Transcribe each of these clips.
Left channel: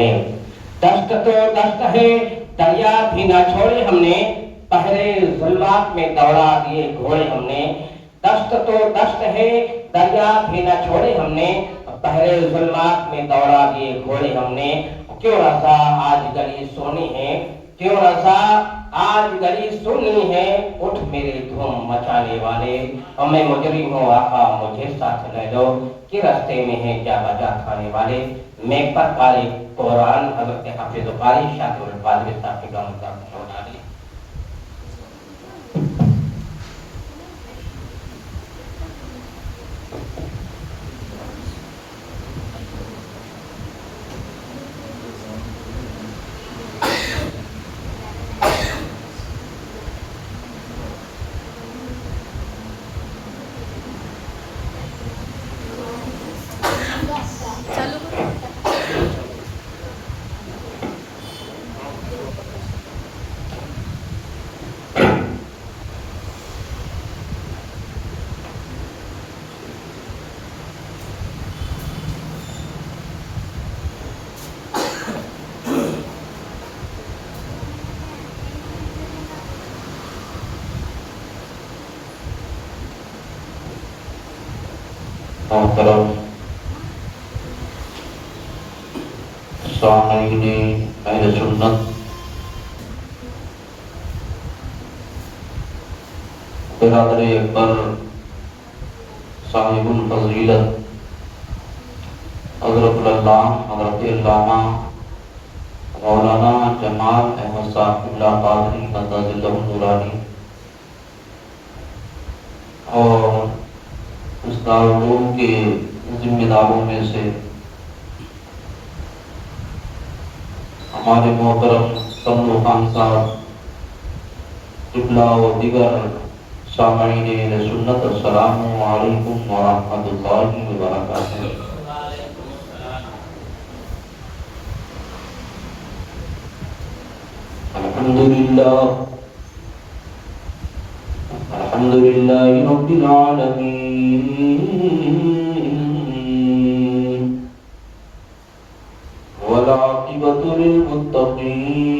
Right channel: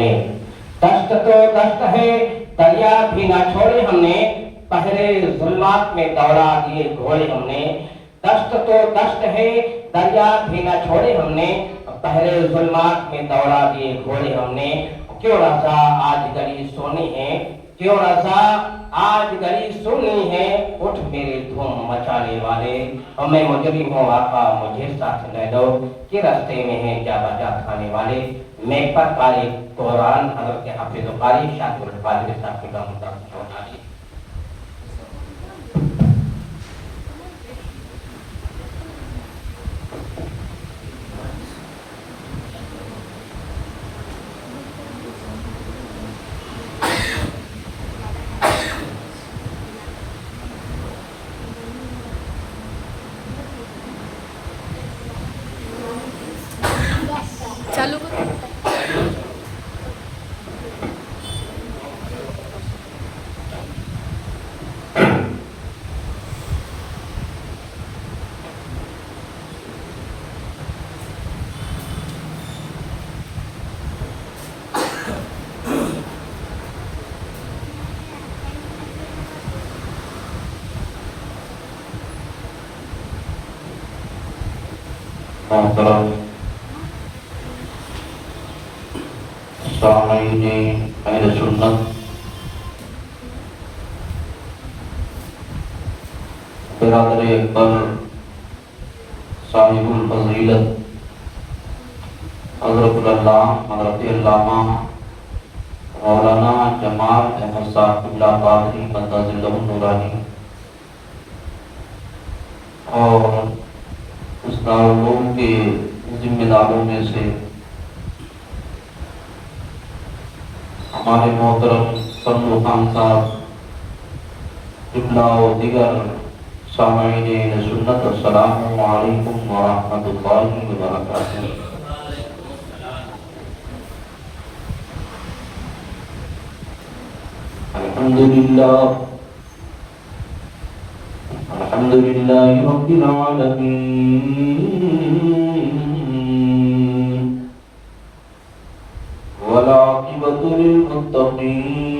نے، دشت تو دشت ہے دریا بھی نہ چھوڑے ہم نے، پہرے ظلمات میں دوڑا دیے گھوڑے ہم نے، دشت تو دشت ہے دریا بھی نہ چھوڑے ہم نے، پہرے ظلمات میں دوڑا دیے گھوڑے ہم نے۔ کیوں رضا آج گلی سونی ہے، کیوں رضا آج گلی سونی ہے، اٹھ میرے دھوم مچانے والے، اور میں مجرم ہوں آقا مجھے ساتھ لے لو، کہ رستے میں ہے کیا بجا کھانے والے۔ میں پر قاری قرآن حضرت حافظ قاری شاکر القادری صاحب کی گام کا سنا دی۔ محترم سامعین اہل سنت، برادر اکبر صاحب الفضیلت حضرت علامہ مولانا جمال احمد صاحب قبلہ قادری مدد اللہ نورانی اور اس دارالعلوم کے ذمہ داروں میں سے ہمارے محترم فضل خان صاحب قبلہ و دیگر سامعین سنت، السلام علیکم ورحمۃ اللہ وبرکاتہ۔ الحمد لله رب العالمين والعاقبة للمتقين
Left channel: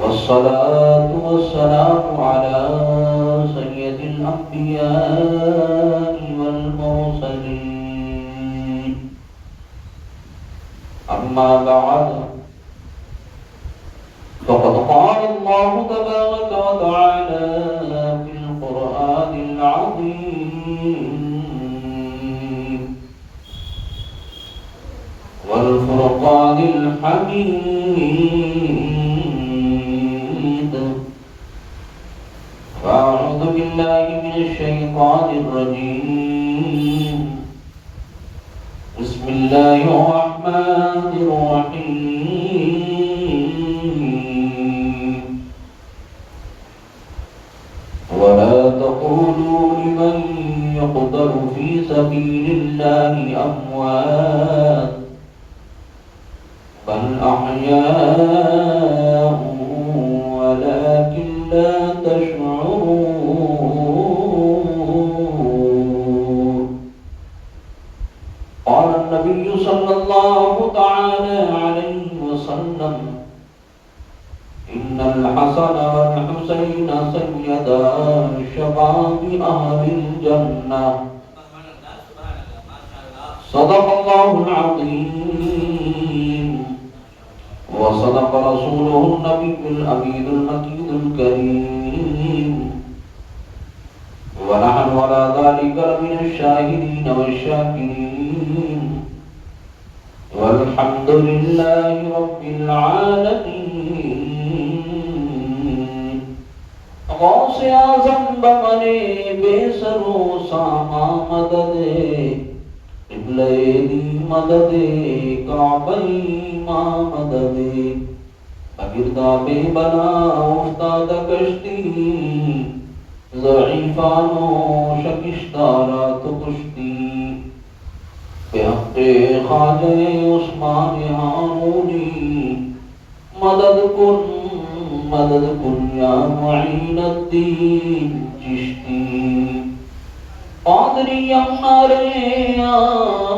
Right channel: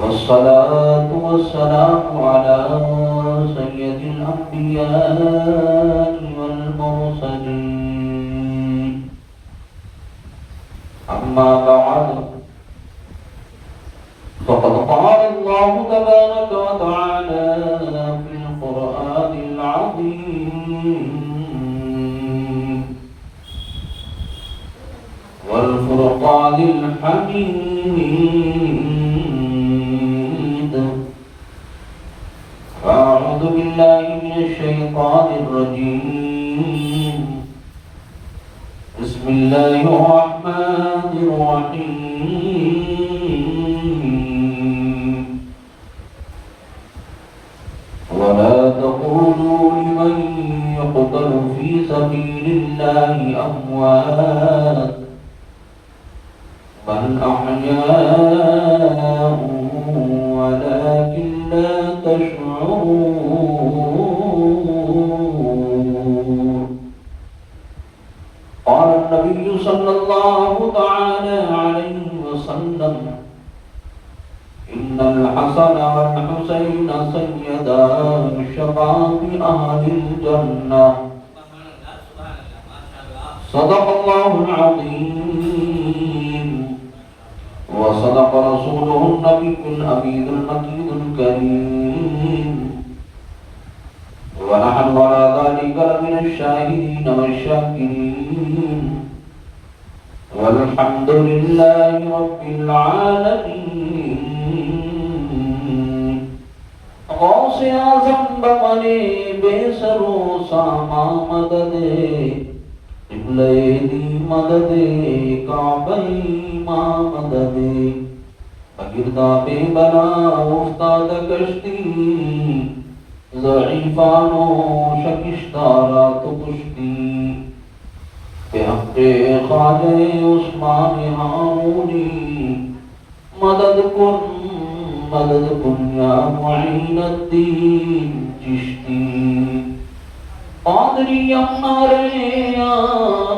والصلاة والسلام على سيد الأنبياء والمرسلين، أما بعد، فقد قال الله تبارك وتعالى في القرآن العظيم والفرقان الحميد، فأعوذ بالله من الشيطان الرجيم، بسم الله الرحمن الرحيم، ولا تقولوا لمن يقتل في سبيل الله أموات بل أحياء ولكن لا تشعرون۔ قال النبي صلى الله تعالى عليه وسلم، إن الحسن والحسين سيدا شباب أهل الجنة، صدق الله العظيم وصدق رسوله النبي الأمين المكين الكريم، ونحن على ذلك لمن الشاهدين والشاكرين، والحمد لله رب العالمين۔ غوث اعظم بمنے بے سرو ساما مدد، قبلہ دی مدد، کعبہ ماں مدد، بگردہ بے بنا افتاد کشتی، ضعیفانو شکشتہ رات کشتی، بے حق خواجہ عثمان ہارونی، مدد کن یا معین الدین چشتی، قادری امارے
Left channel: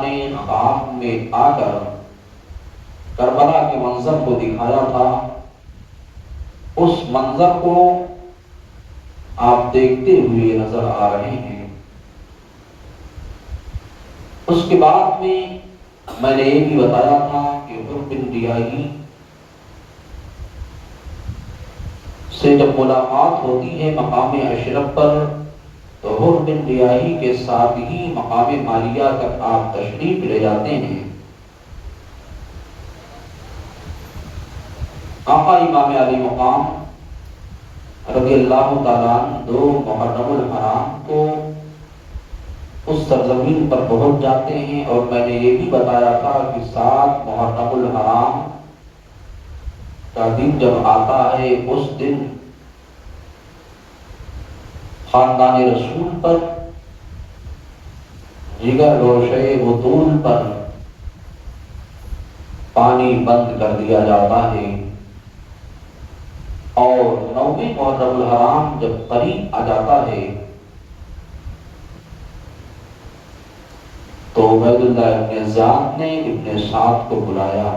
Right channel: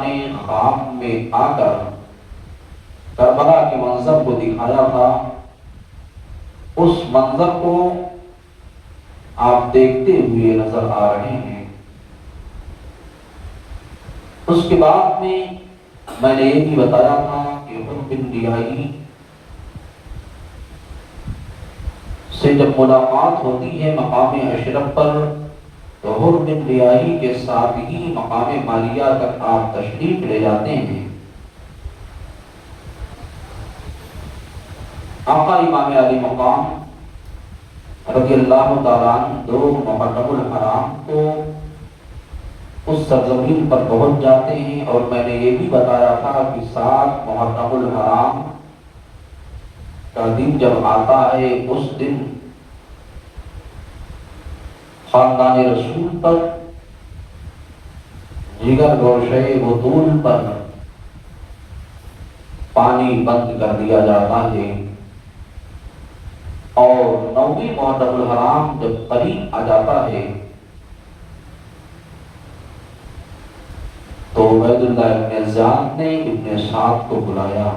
نے خواب میں آ کر کربلا کے منظر کو دکھایا تھا، اس منظر کو آپ دیکھتے ہوئے نظر آ رہے ہیں۔ اس کے بعد میں نے یہ بھی بتایا تھا کہ حر بن ریاحی سے جب ملاقات ہوتی ہے مقام اشرف پر، تو حر بن ریاحی کے ساتھ ہی مقام مالیہ تک آپ تشریف لے جاتے ہیں۔ آقا امام علی مقام رضی اللہ تعالیٰ عنہ دو محرم الحرام کو اس سرزمین پر پہنچ جاتے ہیں، اور میں نے یہ بھی بتایا تھا کہ 7 محرم الحرام کا دن جب آتا ہے، اس دن خاندان رسول پر، جگر گوشے بطول پر پانی بند کر دیا جاتا ہے، اور 9ویں محرم الحرام جب قریب آ جاتا ہے تو عبید اللہ ابن زیاد نے ابن سعد کو بلایا۔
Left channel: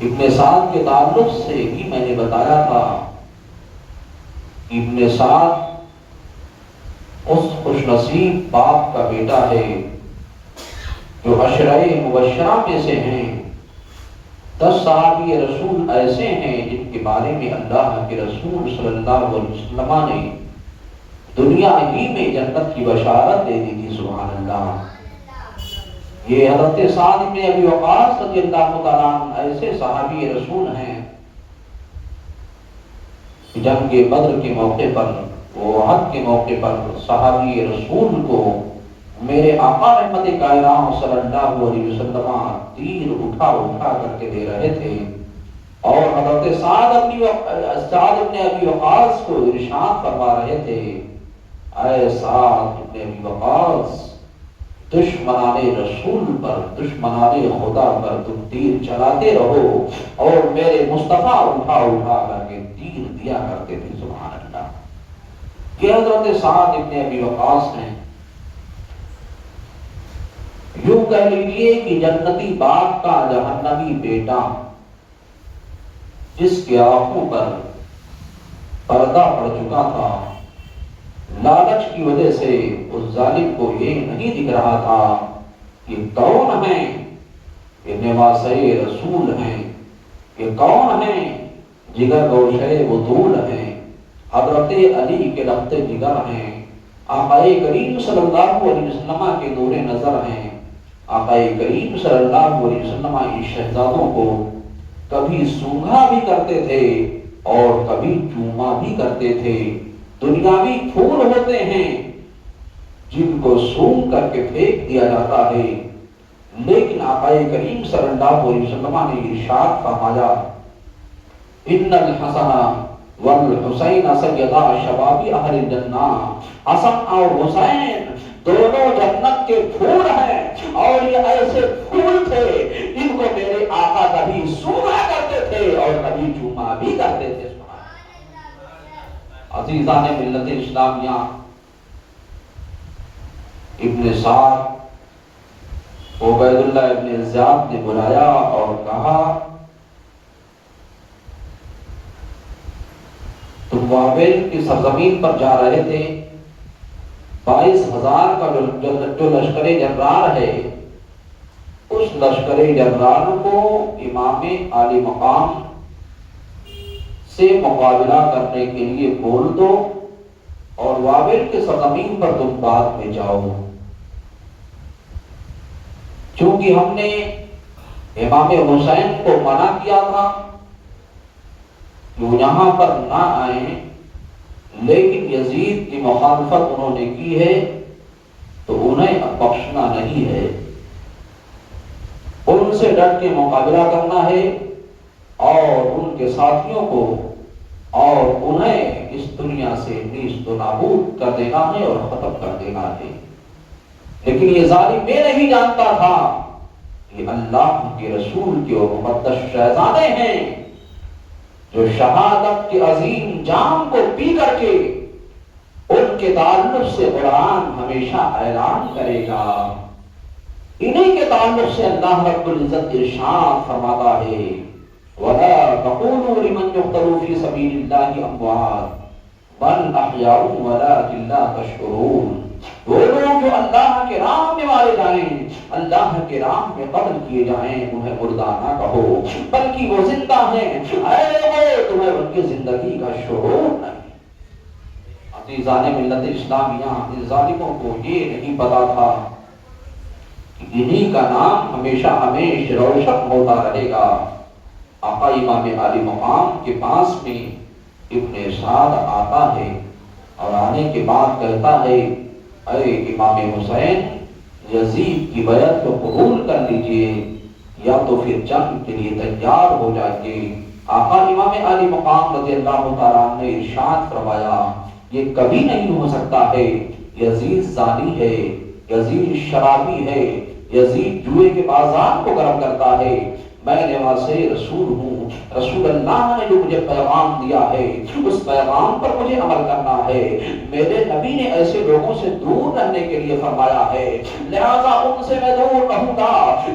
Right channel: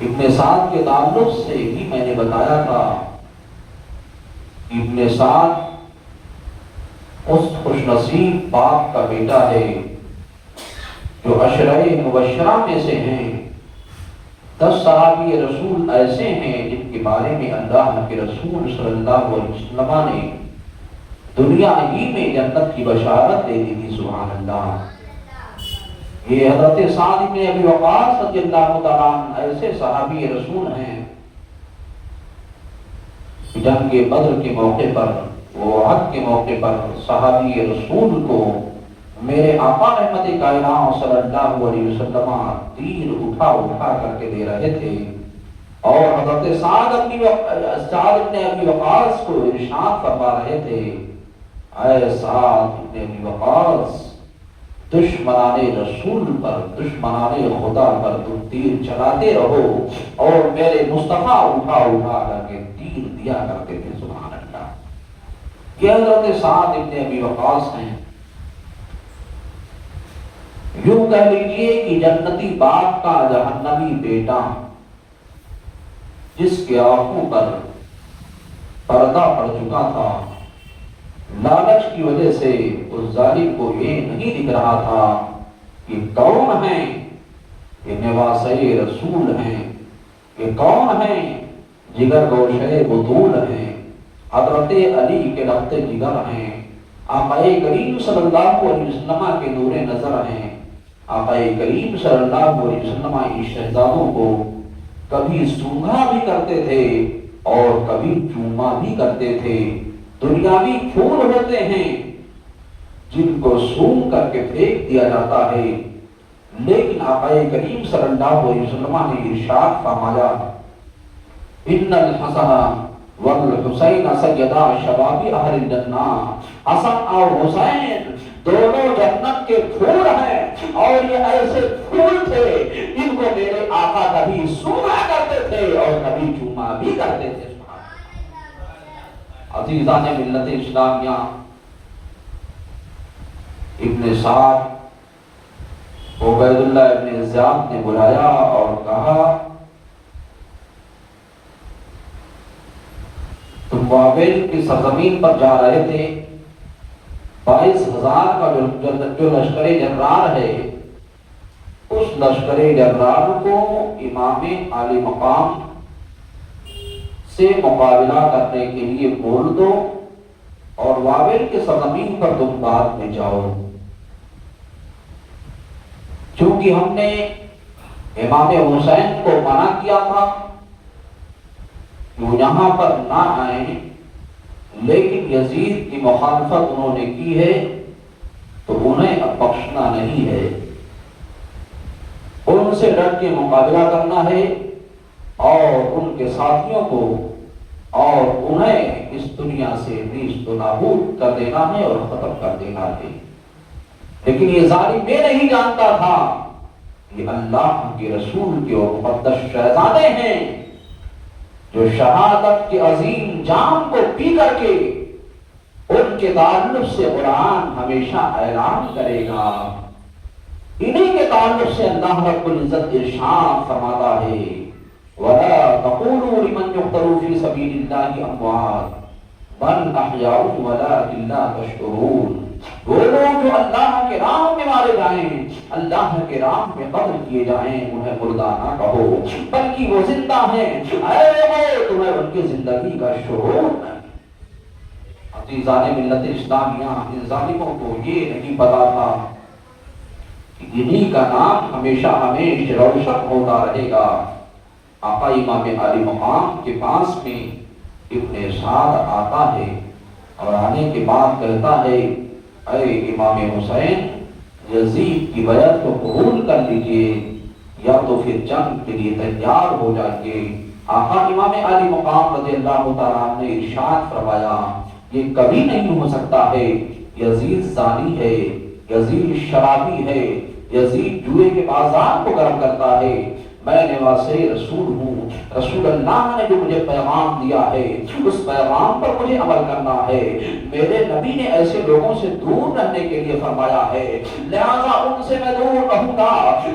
ابن سعد کے تعلق سے بھی میں نے بتایا تھا، ابن سعد اس خوش نصیب باپ کا بیٹا ہے جو عشرہ مبشرہ میں سے ہیں۔ 10 صحابی رسول ایسے ہیں جن کے بارے میں اللہ کے رسول صلی اللہ علیہ وسلم نے دنیا ہی میں جنت کی بشارت دے دی تھی، سبحان اللہ۔ یہ حضرت سعد بن ابی وقاص رضی اللہ تعالیٰ عنہ ایسے صحابی رسول ہیں، جنگ بدر کے موقع پر، احد کے موقع پر صحابی رسول کو میرے آقا رحمت کائنات صلی اللہ علیہ وسلم تیر اٹھا اٹھا کر کے دے رہے تھے، اور حضرت سعد بن ابی وقاص کو ارشاد فرما رہے تھے، اے سعد بن ابی وقاص، دشمنان رسول پر، دشمنان خدا پر تم تیر چلاتے رہو، اور میرے مصطفیٰ اٹھا اٹھا کر کے تیر دیا کرتے تھے، سبحان اللہ۔ یہ حضرت سعد بن ابی وقاص ہیں، یوں کہہ لیجئے کہ جنتی باپ کا جہنمی بیٹا، جس کے آنکھوں پر پردہ پڑ چکا تھا، لالچ کی وجہ سے اس ظالم کو یہ نہیں دکھ رہا تھا کہ کون ہیں یہ نواسہ رسول ہیں، یہ کون ہیں جگر گوشے بطول ہیں، حضرت علی کے ربط جگر ہیں، آقا کریم صلی اللہ علیہ وسلم کے نور نظر ہیں۔ آقا کریم صلی اللہ علیہ وسلم ان شہزادوں کو کبھی سونگھا بھی کرتے تھے اور کبھی چوما بھی کرتے تھے۔ دنیاوی پھول ہوتے ہیں جن کو سونگ کر کے پھینک دیا جاتا ہے، لیکن آقا کریم صلی اللہ علیہ وسلم نے ارشاد فرمایا، ان الحسن والحسین سیدا شباب اہل الجنہ، حسن اور حسین دونوں جنت کے پھول ہیں، اور یہ ایسے پھول تھے جن کو میرے آقا کبھی سونگا کرتے تھے اور کبھی چوما بھی کرتے تھے۔ عزیزان ملت اسلامیہ، ابن سعد عبید اللہ ابن زیاد نے بلایا اور کہا، تم بابل کی سرزمین پر جا رہے تھے، 22,000 کا جو لشکر جرار ہے، اس لشکر جرار کو امام علی مقام سے مقابلہ کرنے کے لیے بول دو، اور بابل کے سرزمین پر تم بعد میں جاؤ، چونکہ ہم نے امام حسین کو منع کیا تھا کہ وہ یہاں پر نہ آئیں، لیکن یزید کی مخالفت انہوں نے کی ہے تو انہیں اب بخشنا نہیں ہے، ان سے ڈٹ کے مقابلہ کرنا ہے اور ان کے ساتھیوں کو اور انہیں اس دنیا سے نیست و نابود کر دینا ہے اور ختم کر دینا ہے۔ لیکن یہ ظالم یہ نہیں جانتا تھا کہ اللہ کے رسول کے وہ مقدس شہزادے ہیں جو شہادت کے عظیم جام کو پی کر کے ان کے تعلق سے قرآن ہمیشہ اعلان کرے گا. انہی کے تعلق سے اللہ رب العزت ارشاد فرماتا ہے وَلَا تَقُولُوا لِمَنْ يُقْتَلُ فِي سَبِيلِ اللَّهِ أَمْوَاتٌ بَلْ أَحْيَاءٌ وَلَٰكِن لَّا تَشْعُرُونَ. وہ لوگ جو اللہ کے راہ میں مارے جائیں، اللہ کے راہ میں قتل کیے جائیں، انہیں مردہ نہ کہو بلکہ وہ زندہ ہیں. اے لوگوں، تمہیں ان کی زندگی کا شعور نہیں. عزیزان ملت اسلامیہ، ان ظالموں کو یہ نہیں پتا تھا کہ انہی کا نام ہمیشہ ہمیشہ روشن ہوتا رہے گا. آقا امام علی مقام کے پاس میں ابن سعد آتا ہے اور آنے کے بعد کہتا ہے اے امام حسین، یزید کی بیعت کو قبول کر لیجئے یا تو پھر جنگ کے لیے تیار ہو جائیے. آقا امام علی مقام رضی اللہ تعالیٰ عنہ نے ارشاد فرمایا یہ کبھی نہیں ہو سکتا ہے. یزید زانی ہے، یزید شرابی ہے، یزید جوئے کے بازار کو گرم کرتا ہے. میں نواز رسول ہوں. رسول اللہ نے جو مجھے پیغام دیا ہے اس پیغام پر مجھے عمل کرنا ہے. میرے نبی نے ایسے لوگوں سے دور رہنے کے لیے فرمایا ہے، لہذا ان سے میں دور رہوں گا.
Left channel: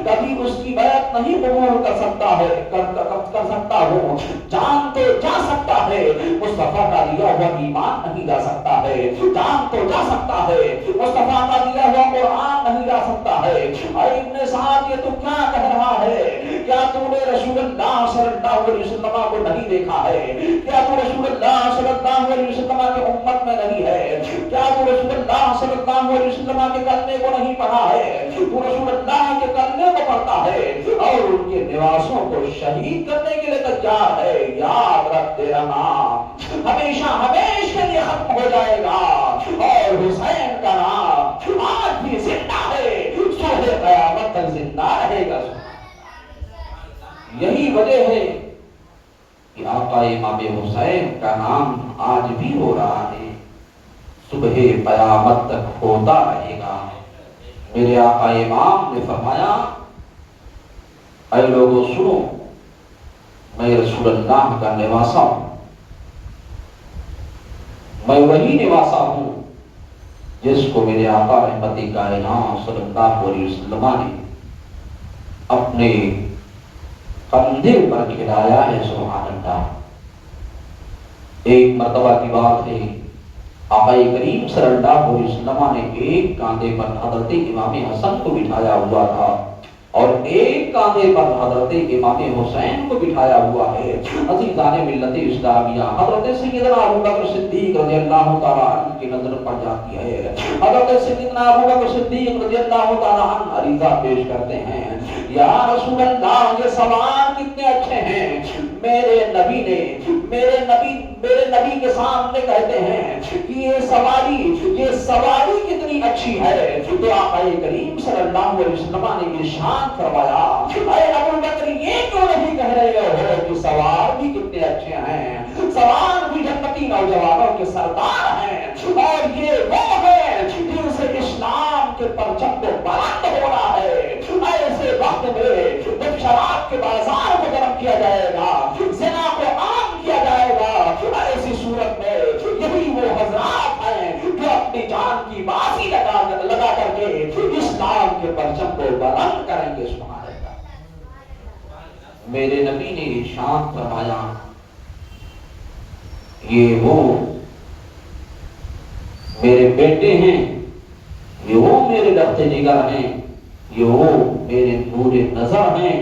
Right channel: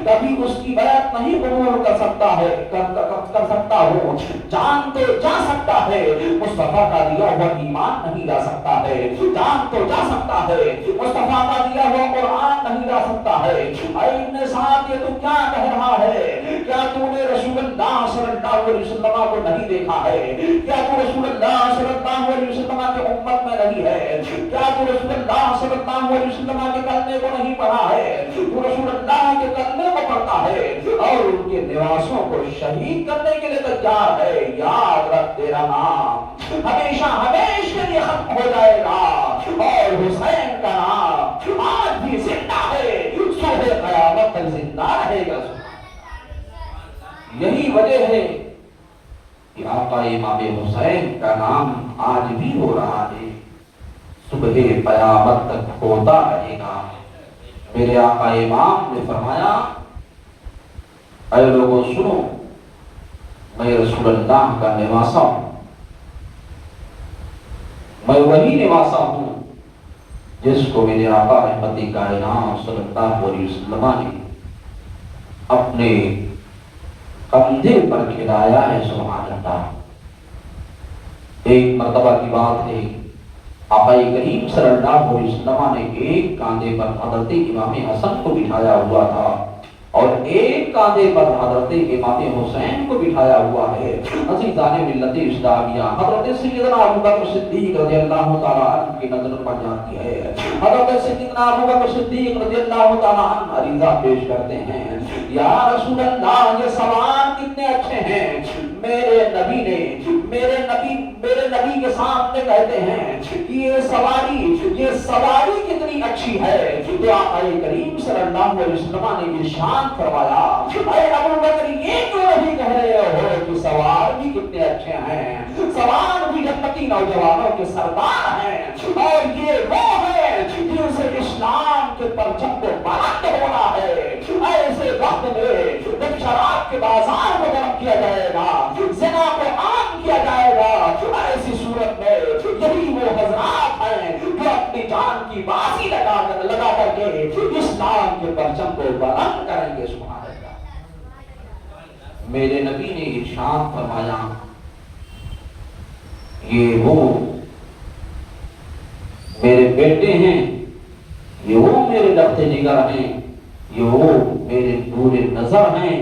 کبھی اس کی بیعت نہیں قبول کر سکتا ہے کر سکتا ہوں. جان تو جا سکتا ہے، مصطفیٰ کا دیا ہوا ایمان نہیں جا سکتا ہے. جان تو جا سکتا ہے، مصطفیٰ کا دیا ہوا قرآن نہیں جا سکتا ہے. اے ابن سعد، یہ تو کیا کہہ رہا ہے؟ کیا تو نے رسول اللہ صلی اللہ علیہ وسلم کو نہیں دیکھا ہے؟ کیا تو رسول اللہ صلی اللہ علیہ وسلم کی امت میں نہیں ہے؟ کیا تو رسول اللہ صلی اللہ علیہ وسلم کے کلمے کو نہیں پڑھا ہے؟ تو رسول اللہ کے کلمے کو پڑھتا ہے اور ان کے نواسوں کو شہید کرنے کے لیے تیار ہے. یاد رکھ، تیرا نام ہمیشہ ہمیشہ کے لیے ختم ہو جائے گا اور حسین کا نام آج بھی زندہ ہے، صبح قیامت تک زندہ رہے گا. یہی وجہ ہے کہ آقا امام حسین کا نام آج بھی ہو رہا ہے، صبح قیامت تک ہوتا رہے گا. میرے آقا امام نے فرمایا اے لوگوں سنو، میں رسول اللہ کا نواسا ہوں. میں وہی نواسا ہوں جس کو میرے آقا رحمت کائنات صلی اللہ علیہ وسلم نے اپنے کندھے پر کھلایا ہے. سبحان اللہ. ایک مرتبہ کی بات ہے، آقا کریم صلی اللہ علیہ وسلم نے ایک کاندھے پر حضرت امام حسن کو بٹھایا ہوا تھا اور ایک کاندھے پر حضرت امام حسین کو بٹھایا ہوا ہے. عزیزان ملت اسلامیہ، حضرت سیدنا ابو بکر صدیق رضی اللہ تعالیٰ عنہ کی نظر پڑ جاتی ہے. حضرت سیدنا ابو بکر صدیق رضی اللہ تعالیٰ عنہ عریضہ پیش کرتے ہیں، یا رسول اللہ، یہ سوار کتنے اچھے ہیں. میرے نبی کے سامنے کہتے ہیں کہ یہ سواری کتنی اچھی ہے. تو آقا کریم صلی اللہ علیہ وسلم نے ارشاد فرمایا اے ابو بکر، یہ کیوں نہیں کہہ رہے ہو کہ سوار بھی کتنے اچھے ہیں؟ سوار بھی جنتی نوجوانوں کے سردار ہیں اور یہ وہ ہیں جن سے اسلام کے پرچم کو بلند ہونا ہے. ایسے وقت میں جب شراب کے بازار کو گرم کیا جائے گا، زنا کو عام کیا جائے گا، ایسی صورت میں یہی وہ حضرات ہیں جو اپنی جان کی بازی لگا کر کے اسلام کے پرچم کو بلند کریں گے. سبحان اللہ. میرے نبی نے ارشاد فرمایا یہ وہ میرے بیٹے ہیں، یہ وہ میرے لخت جگر ہیں، یہ وہ میرے نور نظر ہیں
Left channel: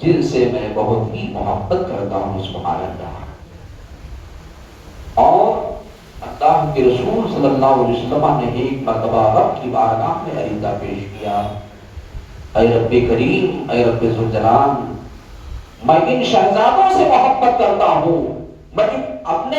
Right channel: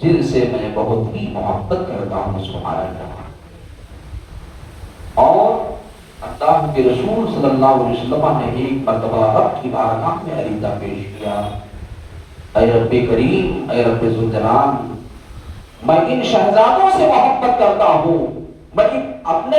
جن سے میں بہت ہی محبت کرتا ہوں. سبحان اللہ. اور اللہ کے رسول صلی اللہ علیہ وسلم نے ایک مرتبہ رب کی بارگاہ میں عریضہ پیش کیا، اے رب کریم، اے رب ذوالجلال، میں ان شہزادوں سے محبت کرتا ہوں، میں اپنے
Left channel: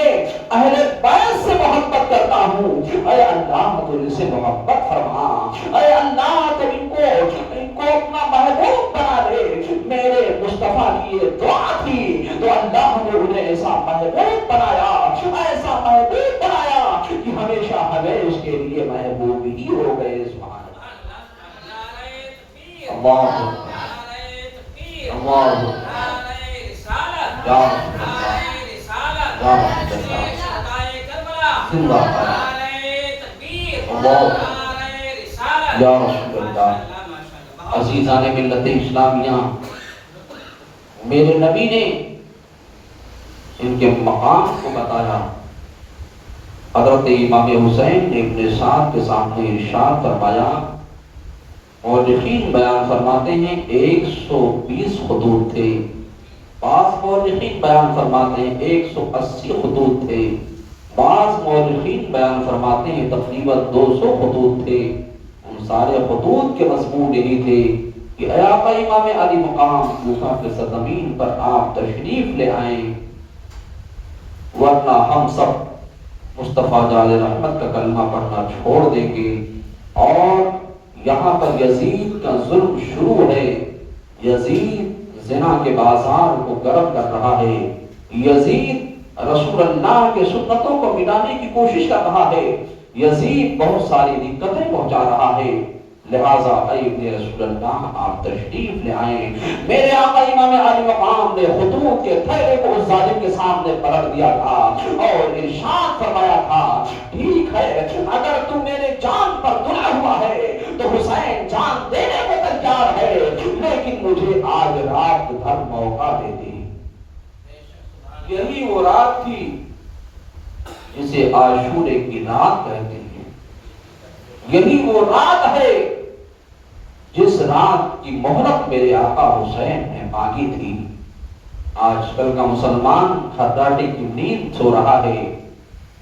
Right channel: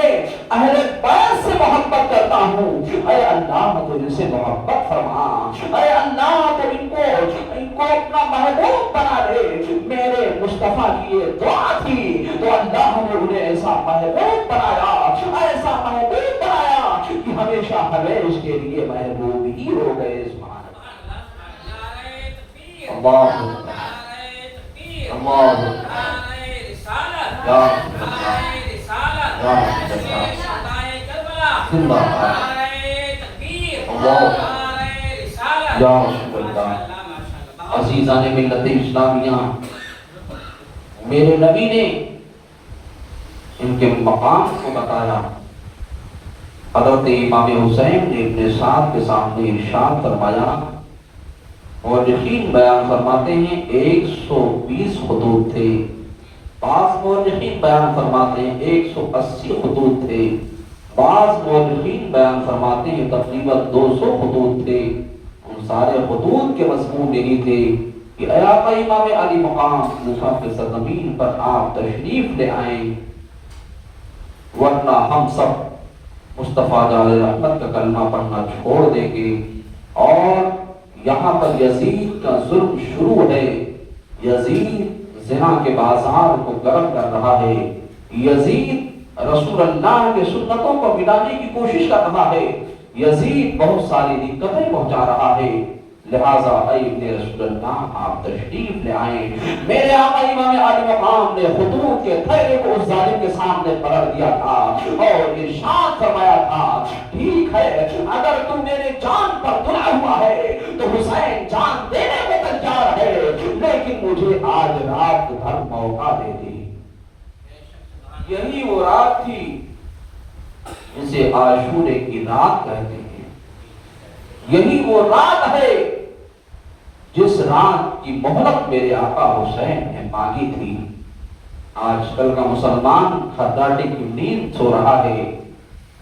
اہل بیت سے محبت کرتا ہوں. اے اللہ تو ان سے محبت فرما، اے اللہ تو ان کو اپنا محبوب بنا دے. میرے مصطفیٰ کی یہ دعا تھی تو اللہ نے انہیں ایسا محبوب بنایا، ایسا محبوب بنایا کہ ہمیشہ ہمیشہ کے لیے محبوب ہی ہو گئے. سبحان اللہ. اللہ یا زندہ اللہ یا رسول اللہ۔ عزیزان ملت اسلامیہ، میرے نبی نے ان کے مقام کو بتایا۔ حضرت امام حسین نے ابن سعد کے سامنے ارشاد فرمایا، مورخین بیان فرماتے ہیں 120 خطوط تھے، بعض مورخین بیان فرماتے ہیں 180 خطوط تھے، بعض مورخین بیان فرماتے ہیں تقریباً 200 خطوط تھے۔ ان سارے خطوط کے مضمون یہی تھے کہ اے آقا امام علی مقام، کوفہ کے سرزمین پر آپ تشریف لے آئیں، ورنہ ہم سب مصطفیٰ جعل رحمت کا کلمہ پڑھنا چھوڑ دیں گے۔ اور یہاں پر یزید کا ظلم شروع ہے، یزید زنا کے بازار کو گرم کر رہا ہے، یزید رسول اللہ کے سنتوں کو مٹانے کی کوشش کر رہا ہے، یزید بہت ساری دقتیں پہنچا رہا ہے، لہذا اے ابن رسول اللہ آپ تشریف لے آئیں۔ میرے آقا امام علی مقام نے خطوط کے تھیلے کو اس ظالم کے سامنے پلٹ دیا تھا اور ارشاد فرمایا تھا، ٹھیک ہے اگر تم میرے جان پر تلا ہوا ہے تو حسین جان دینے کو تیار ہے، لیکن مجھے آج رات بھر موقع دے دے۔ یہی وہ رات تھی جسے عاشورے کی رات کہتے ہیں، یہی وہ رات ہے جس رات کی مہلت میرے آقا حسین نے مانگی تھی۔ آج کل کا مسلمان خداٹے کی نیند سو رہا ہے،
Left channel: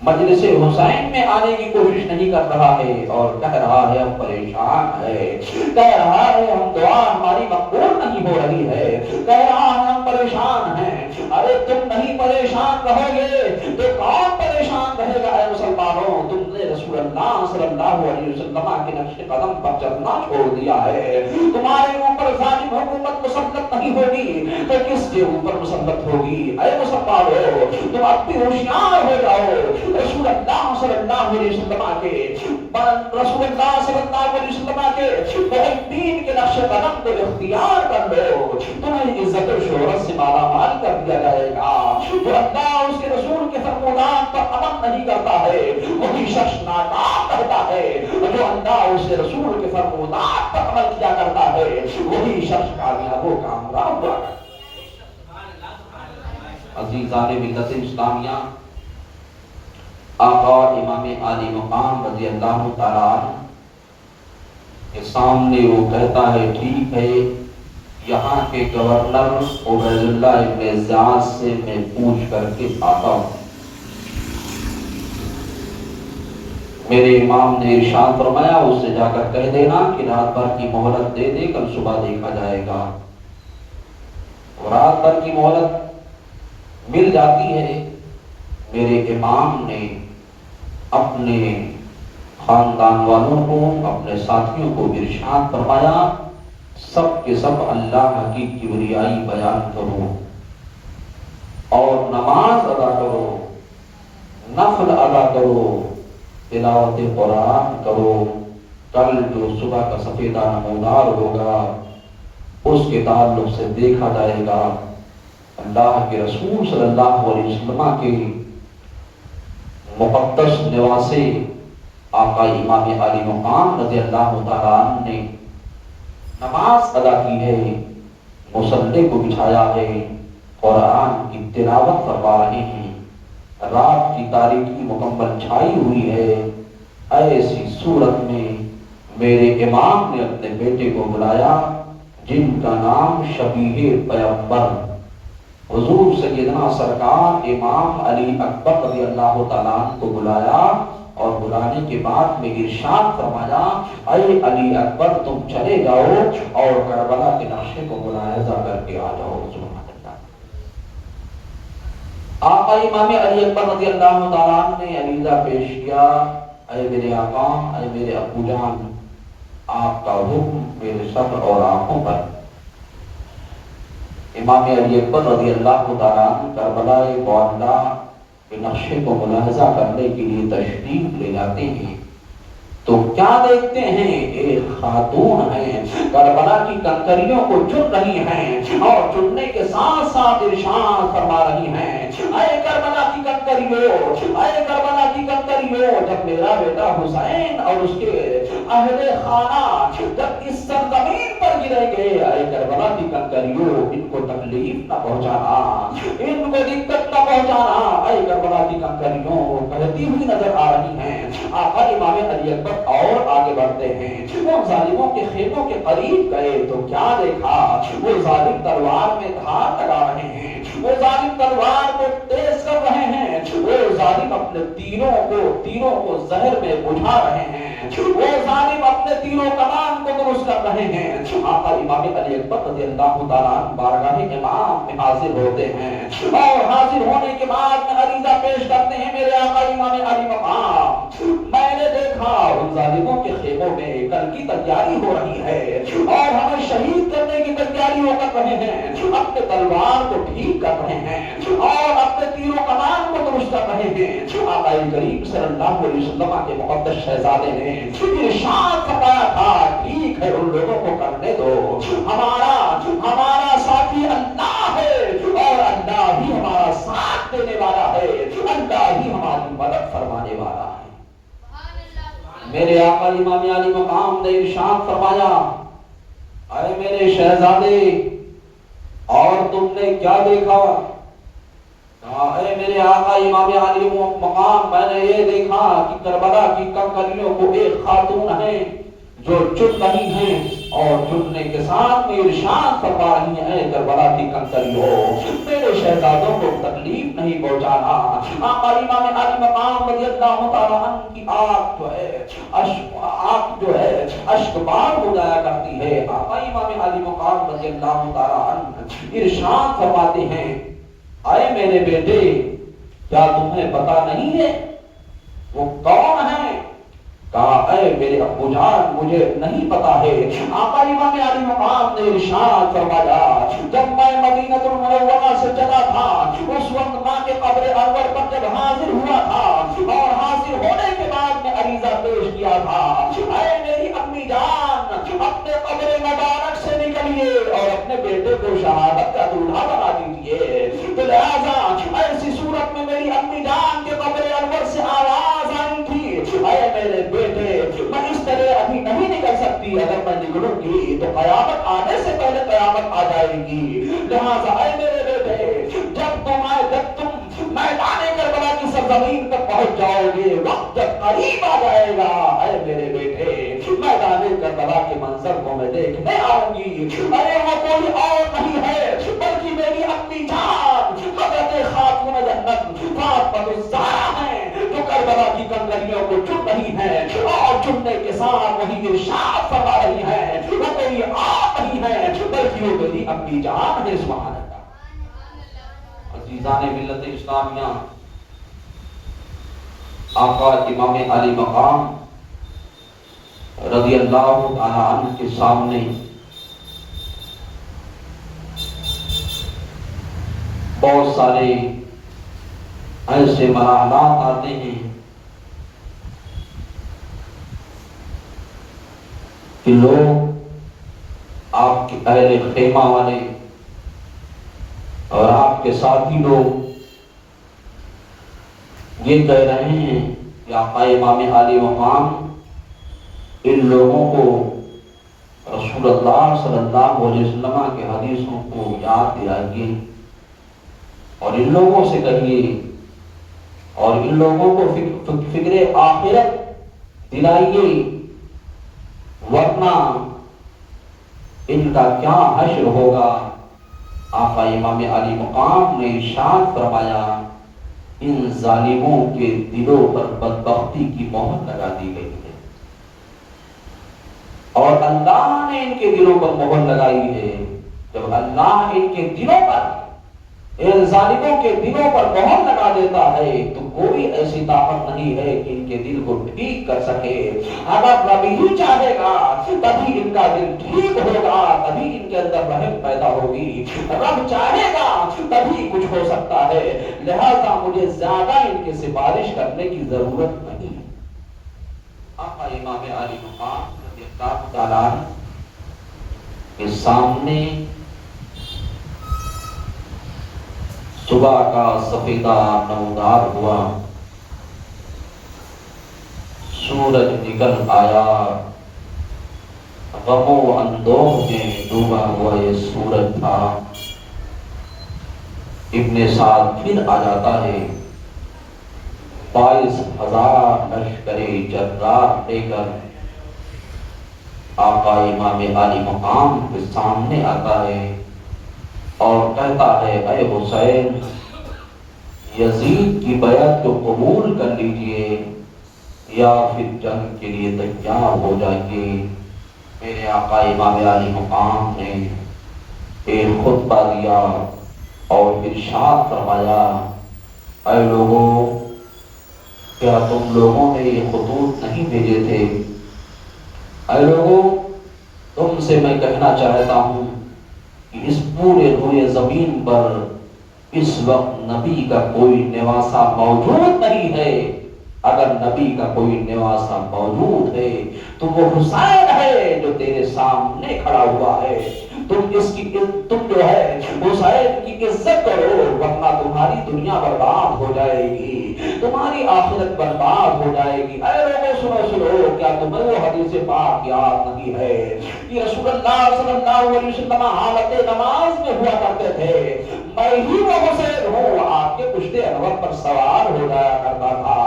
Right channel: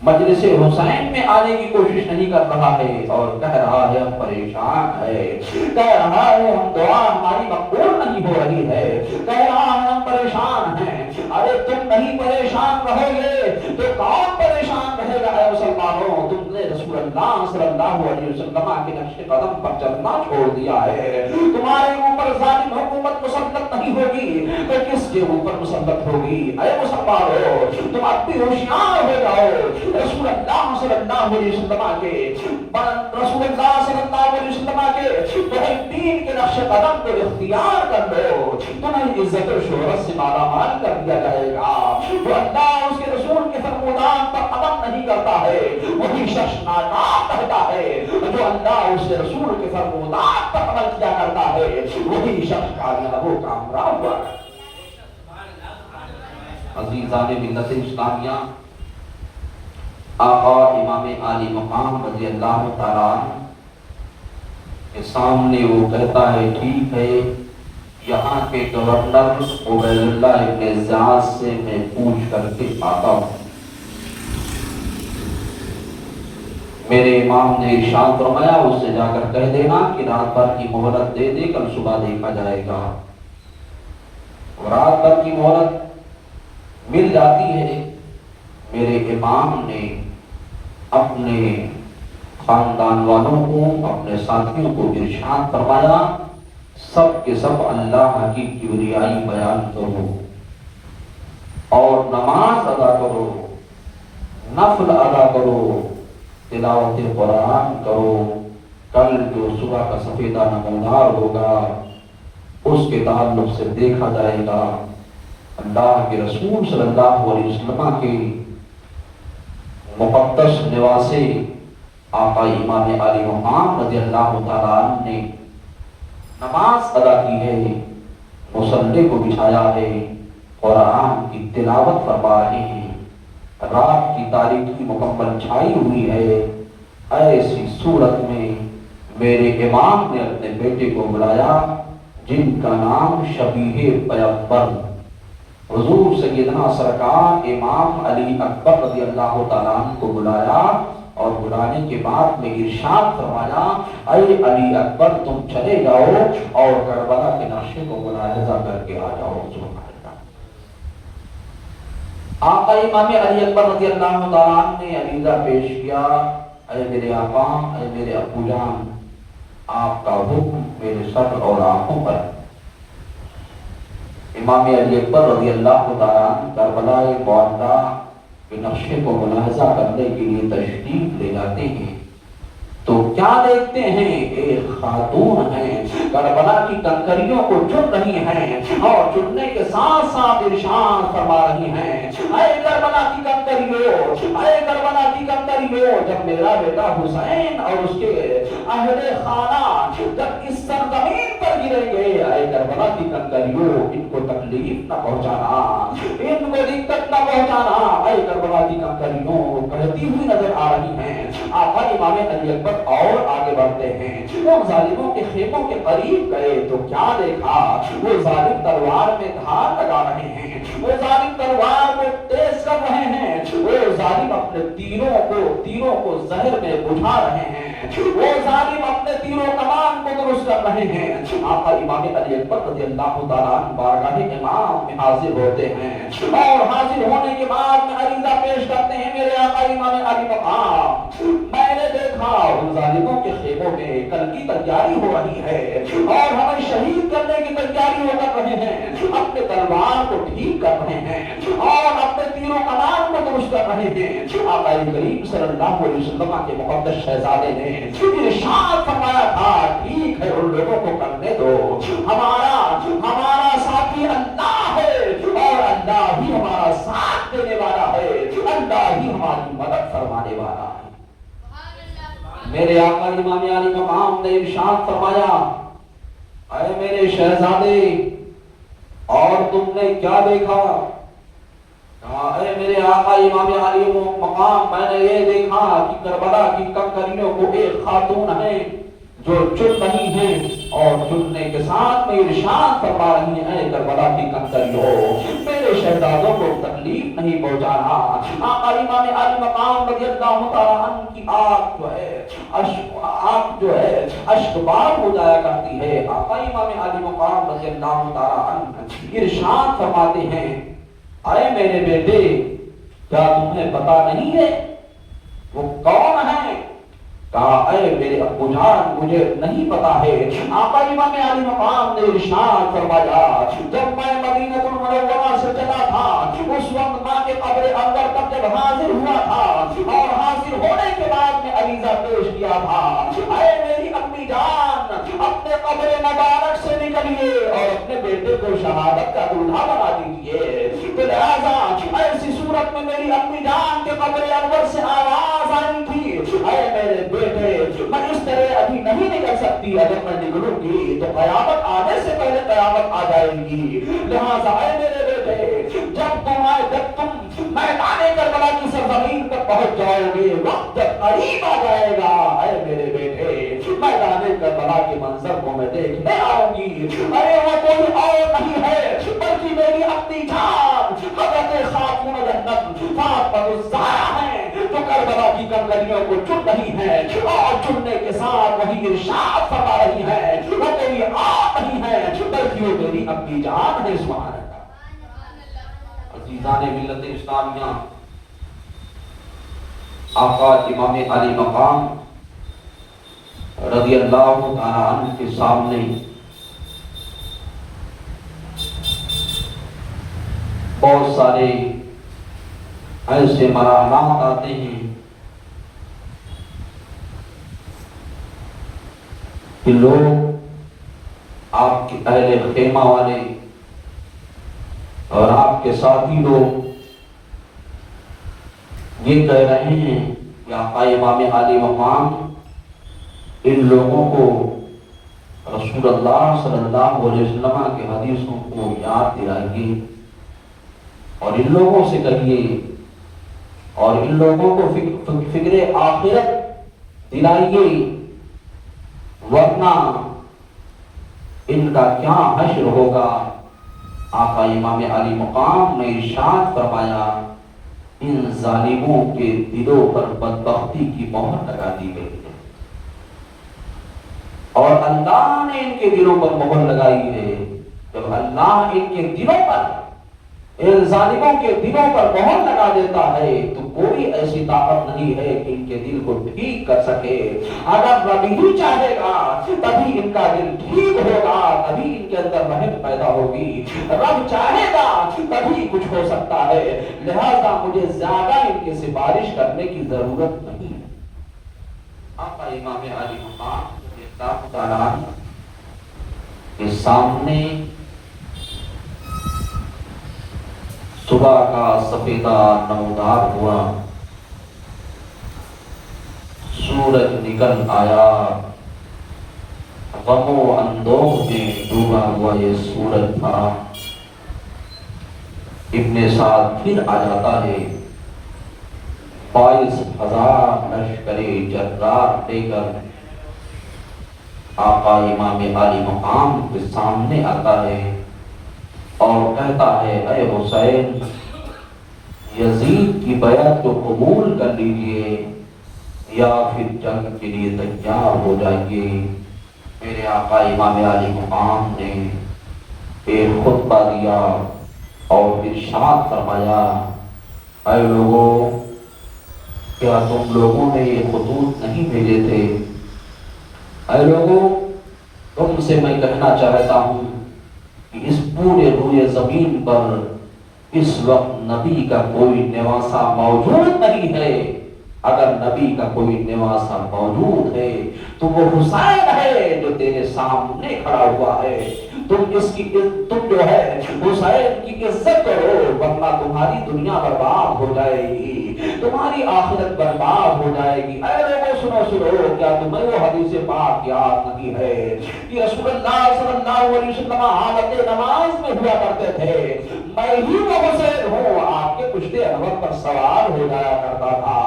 مجلس حسین میں آنے کی کوشش نہیں کر رہا ہے اور کہہ رہا ہے ہم پریشان ہے، کہہ رہا ہے ہم دعا ہماری مقبول نہیں ہو رہی ہے، کہہ رہا ہے ہم پریشان ہیں۔ ارے تم نہیں پریشان رہو گے تو کون پریشان رہے گا؟ اے مسلمانوں، تم نے رسول اللہ صلی اللہ علیہ وسلم کے نقش قدم پر چلنا چھوڑ دیا ہے، تمہارے اوپر ظالم حکومت مسلط نہیں ہوگی تو کس کے اوپر مسلط ہوگی؟ اے مسلمانوں، تم اب بھی ہوشیار ہو جاؤ، رسول اللہ صلی اللہ علیہ وسلم کے بہت دین کے نقش قدم کو اختیار کر لو، تمہیں عزت و شہرت سے مالا مال کر دیا جائے گا۔ جو اللہ اس کے رسول کے فرمودات پر عمل نہیں کرتا ہے وہی شخص ناکام رہتا ہے، جو اللہ اس کے رسول کے فرمودات پر عمل کیا کرتا ہے وہی شخص کامیاب و کامیاب ہوا۔ عزیزان ملت اسلامیہ، آقا امام علی مقام رضی اللہ تعالیٰ کے سامنے وہ کہتا ہے، ٹھیک ہے یہاں کے گورنر عبید اللہ ابن زیاد سے میں پوچھ کر کے آتا ہوں۔ میرے امام نے ارشاد فرمایا اس سے جا کر کہہ دینا کہ رات بھر کی مہلت دے دے، کل صبح دیکھا جائے گا۔ رات بھر کی مہلت مل جاتی ہے۔ میرے امام نے اپنے خاندان والوں کو، اپنے ساتھیوں کو ارشاد فرمایا، سب کے سب اللہ کی کبریائی بیان کرو اور نماز ادا کرو، نفل ادا کرو، تلاوت قرآن کرو، کل جو صبح کا سفیدہ نمودار ہوگا اس کے تعلق سے دیکھا جائے گا۔ اللہ کے رسول صلی اللہ علیہ وسلم کے مقدس نواسے آقا امام علی مقام رضی اللہ تعالیٰ عنہ نے نماز ادا کی ہے، مصلی کو بچھایا ہے، قرآن کی تلاوت فرما رہے ہیں، رات کی تاریکی مکمل چھائی ہوئی ہے۔ ایسی صورت میں میرے امام نے اپنے بیٹے کو بلایا جن کا نام شبیہ پیغمبر حضور سیدنا سرکار امام علی اکبر رضی اللہ تعالیٰ عنہ کو بلایا اور بلانے کے بعد میں ارشاد فرمایا، اے علی اکبر تم چلے جاؤ اور کربلا کے نقشے کو ملاحظہ کر کے آ جاؤ۔ آقا امام علی اکبر رضی اللہ تعالیٰ عنہ نے عریضہ پیش کیا، اے میرے آقا، اے میرے ابو جان، آپ کا حکم میرے سر اور آنکھوں پر۔ امام علی اکبر رضی اللہ تعالیٰ عنہ کربلا معلیٰ کے نقشے کو ملاحظہ کرنے کے لیے تشریف لے جاتے ہیں۔ تو کیا دیکھتے ہیں؟ ایک خاتون ہے، کربلا کی کنکریوں کو چن رہی ہیں اور چننے کے ساتھ ساتھ ارشاد فرما رہی ہیں، اے کربلا کی کنکریوں، اے کربلا کی کنکریوں، جب میرا بیٹا حسین اور اس کے اہل خانہ جب اس سرزمین پر گریں گے، اے کربلا کی کنکریوں، ان کو تکلیف نہ پہنچانا، ان کو دقت نہ پہنچانا، اے کربلا کی کنکریوں کہتی ہوئی نظر آ رہی ہیں۔ آقا امام علی اکبر اور آگے بڑھتے ہیں، ان ظالموں کے خیموں کے قریب گئے تو کیا دیکھا؟ وہ ظالم تلوار میں دھار لگا رہے ہیں، وہ ظالم تلوار کو تیز کر رہے ہیں، وہ ظالم اپنے تیروں کو زہر میں بجھا رہے ہیں، وہ ظالم اپنے تیروں کمان کو درست کر رہے ہیں۔ آقا امام علی اکبر رضی اللہ تعالیٰ عنہ بارگاہ امام میں حاضر ہوتے ہیں اور حاضر ہونے کے بعد میں عریضہ پیش کرتے ہیں، میرے آقا امام علی مقام، میں نے دیکھا ان ظالموں کے خیموں میں کل کی تیاری ہو رہی ہے اور ہمیں شہید کرنے کی تیاری وہ کر رہے ہیں، اپنے تلوار کو ٹھیک کر رہے ہیں اور اپنے تیروں کمان کو درست کر رہے ہیں۔ آقا کریم صلی اللہ علیہ وسلم کے مقدس شہزادے نے ارشاد فرمایا تھا، ٹھیک ہے ان لوگوں کو کرنے دو، ہمارا ساتھی اللہ ہے اور اللہ ہی ہمارا ساتھ دینے والا ہے، اللہ ہی ہماری مدد فرمانے والا ہے۔ میرے آقا امام علی مقام نے ارشاد فرمایا، اے میرے شہزادے، اور تم نے کیا دیکھا؟ اے میرے آقا امام علی مقام، میں نے یہ دیکھا کہ کربلا کی کنکریوں کو ایک خاتون ہے جو چن رہی ہیں اور چننے کے ساتھ میں ارشاد فرما رہی ہیں، اے کربلا کی کنکریوں، میرے شہزادوں کو تکلیف نہیں پہنچانا۔ آقا امام علی مقام رضی اللہ تعالیٰ عنہ کی آنکھ جو ہے اشکبار ہو جایا کرتی ہے۔ آقا امام علی مقام رضی اللہ تعالیٰ عنہ ارشاد فرماتے ہیں، اے میرے بیٹے، کیا تمہیں پتا نہیں ہے وہ کون ہے؟ کہا، اے میرے ابو جان، مجھے نہیں پتا ہے۔ آقا امام علی مقام نے ارشاد فرمایا، جب میں مدینہ المنورہ سے چلا تھا، اس وقت ماں کے قبر انور پر جب حاضر ہوا تھا اور حاضر ہونے کے بعد میں عریضہ پیش کیا تھا، اے میری امی جان، اپنے قبر مبارک سے نکلیے اور اپنے بیٹے کو شہادت کا دولہا بنا دیجیے۔ لہذا ایسی صورت میں میری امی جان کے قبر انور سے آواز آئی تھی، اے میرے بیٹے، میں اس طرح ابھی نہیں نکل سکتی، اگر میں نکلوں گی تو قیامت آنے سے پہلے قیامت آ جائے گی۔ لہذا اے میرے بیٹے، جب تم میدان کربلا کی سرزمین پر پہنچ جاؤ گے، وقت جب قریب آ جائے گا، اے میرے بیٹے، میدان کربلا کے منظر کو میں دیکھنے آؤں گی۔ ارے وہ کوئی اور نہیں ہے بلکہ میری اپنی جان حضرت خاتون جنت فاطمہ الزہرا ہیں، جو کربلا کی کنکریوں کو چن رہی ہیں اور چننے کے ساتھ وہی ارشاد فرما رہی ہیں، وہ کوئی اور نہیں ہے بلکہ وہ میری اپنی جان ہے۔ سبحان اللہ۔ عزیزان ملت اسلامیہ، آقا امام علی مقام رضی اللہ تعالیٰ عنہ کے سامنے بہت سارے ایسے مراحلات آتے ہیں کہ لوگ، آپ کے اہل خیمہ والے اور آپ کے ساتھی لوگ یہ کہہ رہے ہیں کہ آقا امام علی مقام ان لوگوں کو رسول اللہ صلی اللہ علیہ وسلم کے حدیثوں کو یاد دلائیے اور ان لوگوں سے کہیے اور ان لوگوں کو فکر آخرت دلائیے، ورنہ ان کا کیا حشر ہوگا۔ آقا امام علی مقام نے ارشاد فرمایا، ان ظالموں کے دلوں پر بدبختی کی مہر لگا دی گئی ہے اور اللہ نے ان کے دلوں پر مہر لگائی ہے۔ جب اللہ ان کے دلوں پر، ان ظالموں کے دلوں پر مہر لگا دیتا ہے تو کوئی ایسی طاقت نہیں ہے کہ ان کے دل کو ٹھیک کر سکے۔ اگر رب ہی چاہے گا تبھی ان کا دل ٹھیک ہوگا، تبھی ان کے اندر رحم پیدا ہوگی، رب چاہے گا تبھی کچھ ہو سکتا ہے۔ لہذا مجھے زیادہ ان کی سفارش کرنے کی ضرورت نہیں ہے۔ آقا امام اللہ تعالیٰ کے سامنے صبح کا سفیدہ نمودار ہوا، سورج نکل آیا، غم و اندوہ میں ڈوبا ہوا یہ سورج تھا۔ ابن سعد پھر آ جاتا ہے 22,000 لشکر جرار لے کر آقا امام عالی مقام کے سامنے آتا ہے اور کہتا ہے اے حسین، یزید کی بیعت کو قبول کر لیجئے یا پھر جنگ کے لیے تیار ہو جائیے۔ میرے آقا امام عالی مقام نے ایک خطبہ دیا اور ارشاد فرمایا، اے لوگوں، کیا تم لوگوں نے یہ خطوط نہیں بھیجے تھے؟ اے لوگوں، تم سے میں کہنا چاہتا ہوں کہ اس پورے روئے زمین پر اس وقت نبی کا کوئی نواسا موجود نہیں ہے۔ اگر نبی کا کوئی نواسا موجود ہے تو وہ حسین ہے جو تیرے سامنے کھڑا ہوا ہے۔ تم جو ہے حسین کی عزت کرو، ورنہ تمہاری دنیا برباد ہو جائے گی، تمہاری آخرت برباد ہو جائے گی۔ اے لوگوں سنو، کیا تمہیں وہ حدیث پاک یاد نہیں ہے کہ رسول اللہ صلی اللہ علیہ وسلم حالت نماز میں ہوا کرتے تھے، میں ہی وہ حسین ہوں، آپ کے پشت انور پر سوار ہو جایا کرتا تھا۔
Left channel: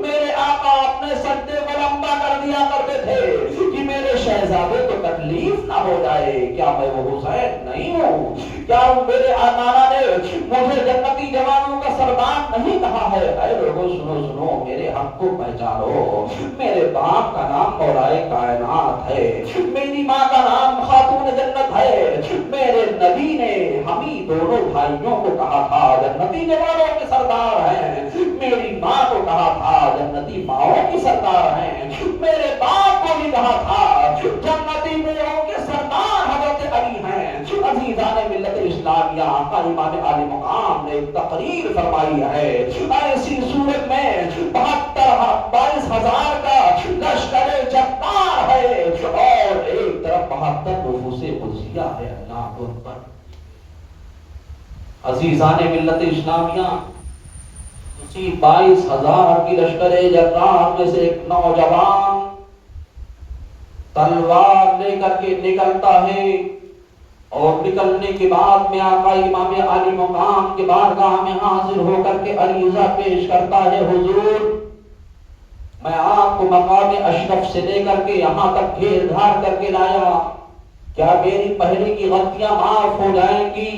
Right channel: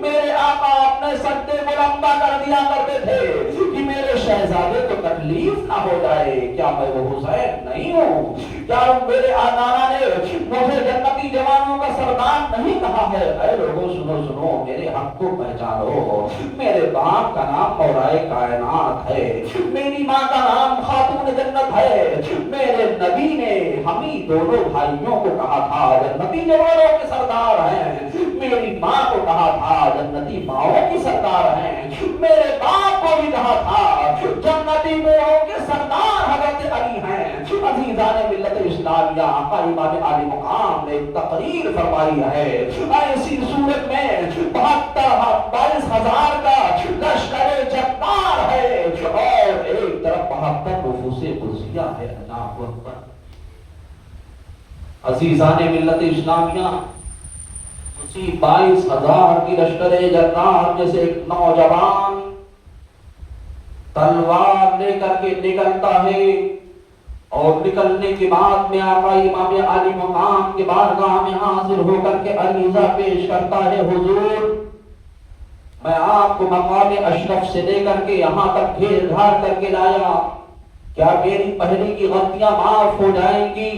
میرے آقا اپنے سجدے کو لمبا کر دیا کرتے تھے کہ میرے شہزادے کو تکلیف نہ ہو جائے۔ کیا میں وہ حسین نہیں ہوں؟ کیا میرے نانا نے مجھے جنتی جوانوں کا سردار نہیں کہا ہے؟ اے لوگوں سنو، میرے حق کو پہچانو۔ میرے باپ کا نام مولائے کائنات ہے، میری ماں کا نام خاتون جنت ہے۔ میرے نبی نے ہمیں دونوں بھائیوں کو کہا تھا جنتی جوانوں کے سردار ہیں، میری ماں کو کہا تھا جنتی ماؤں کی سردار ہیں، میرے باپ کو بھی کہا تھا جنتی ماؤں کے سردار حضرت علی ہیں۔ عزیزان ملت اسلامیہ، آقا امام عالی مقام نے تقریر فرمائی ہے، ایسی صورت میں 22,000 کا لشکر جبار ہے اور ایک طرف 72 نفوس قدسیہ ہے۔ اللہ اکبر۔ عزیزان ملت اسلامیہ، اسی 22,000 کی لشکر جبار میں سے ایک نوجوان تلوار لے کر کے نکلتا ہے اور نکلنے کے بعد میں آقا امام عالی مقام کے بارگاہ میں حاضر ہو کر کے عریضہ پیش کرتا ہے، حضور میں آپ کو مقام اشرف سے لے کر کے یہاں تک گھیر گھار کر کے لایا، کیا میری پہلے کی غلطیاں معاف ہو جائیں گی؟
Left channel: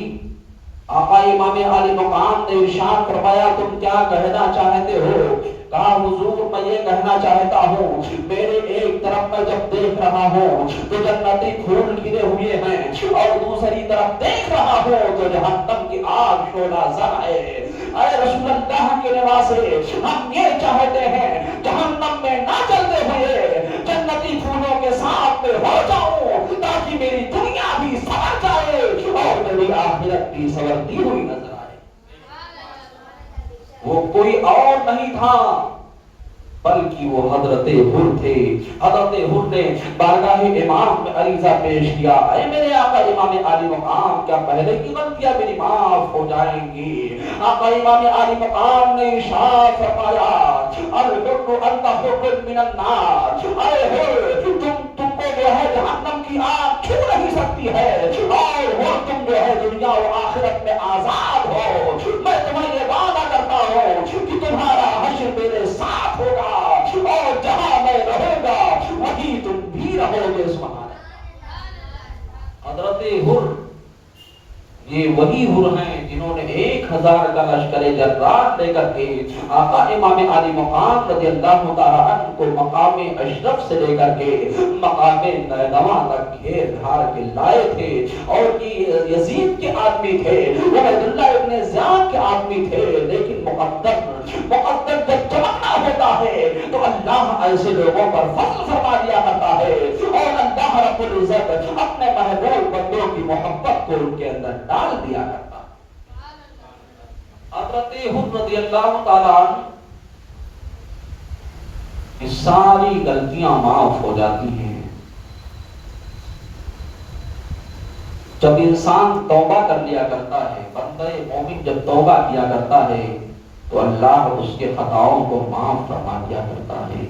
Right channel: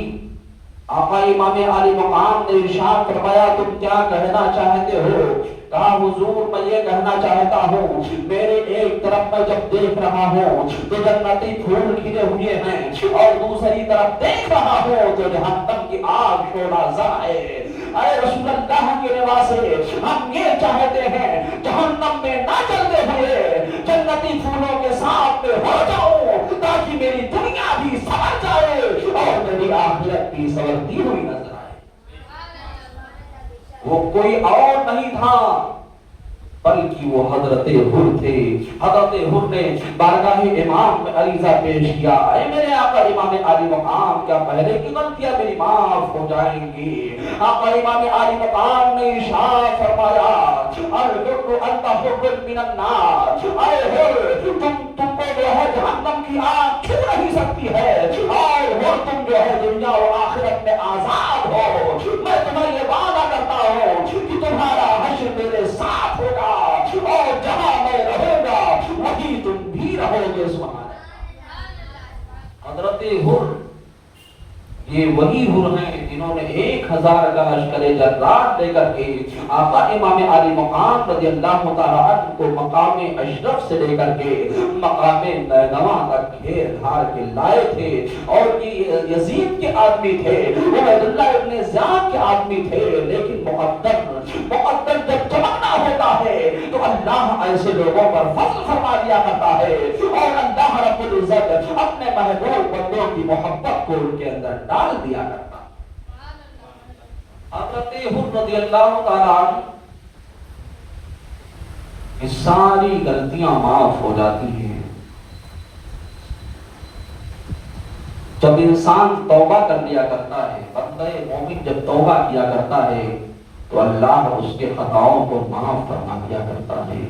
آقا امام عالی مقام نے ارشاد فرمایا، تم کیا کہنا چاہتے ہو؟ کہا حضور میں یہ کہنا چاہتا ہوں، میرے ایک طرف میں جب دیکھ رہا ہوں تو جنتی پھول کھلے ہوئے ہیں اور دوسری طرف دیکھ رہا ہوں تو جہنم کی آگ شعلہ زن ہے۔ اے رسول اللہ کے نواسے، ہم یہ چاہتے ہیں جہنم میں نہ چلتے ہوئے جنتی پھولوں کے ساتھ میں ہو جاؤں تاکہ میری دنیا بھی سنور جائے اور میری آخرت بھی سنورتی ہوئی نظر آئے۔ وہ کوئی اور نہیں تھا بلکہ وہ حضرت حر تھے۔ حضرت حر نے بارگاہ امام میں عریضہ پیش کیا، اے میرے آقا امام عالی مقام، کیا پہلے کی غلطیاں میری معاف ہو جائیں گی؟ آقا امام عالی مقام نے ارشاد فرمایا، الحر انت حر من النار، اے حر تم کو جو ہے جہنم کی آگ چھو نہیں سکتی ہے، اور حر تم جو ہے دنیا و آخرت میں آزاد ہو۔ میں تمہیں یہ وعدہ کرتا ہوں کہ تمہارا حشر میرے ساتھ ہوگا اور جہاں میں رہوں گا وہیں تم بھی رہو گے۔ سبحان اللہ۔ حضرت حر یہ وہی حر ہیں جنہوں نے 1,000 کا لشکر جرار لے کر کے آقا امام عالی مقام رضی اللہ تعالیٰ عنہ کو مقام اشرف سے لے کر کے مقام نینوا تک گھیر گھار کے لائے تھے، اور یہ یزید کے آدمی تھے، عبید اللہ ابن زیاد کے آدمی تھے، لیکن مقدر جب چمکنا ہوتا ہے تو اللہ ایسے لوگوں پر فضل فرما دیا کرتا ہے، اور اللہ رب العزت اپنے محبوب بندوں کی محبت کو ان کے اندر ڈال دیا کرتا۔ حضرت حر رضی اللہ تعالیٰ عنہ کی ساری غلطیاں معاف ہو جاتی ہیں، جب انسان توبہ کر لیا کرتا ہے، بندہ مومن جب توبہ کیا کرتا ہے تو اللہ اس کے خطاؤں کو معاف فرما دیا کرتا ہے۔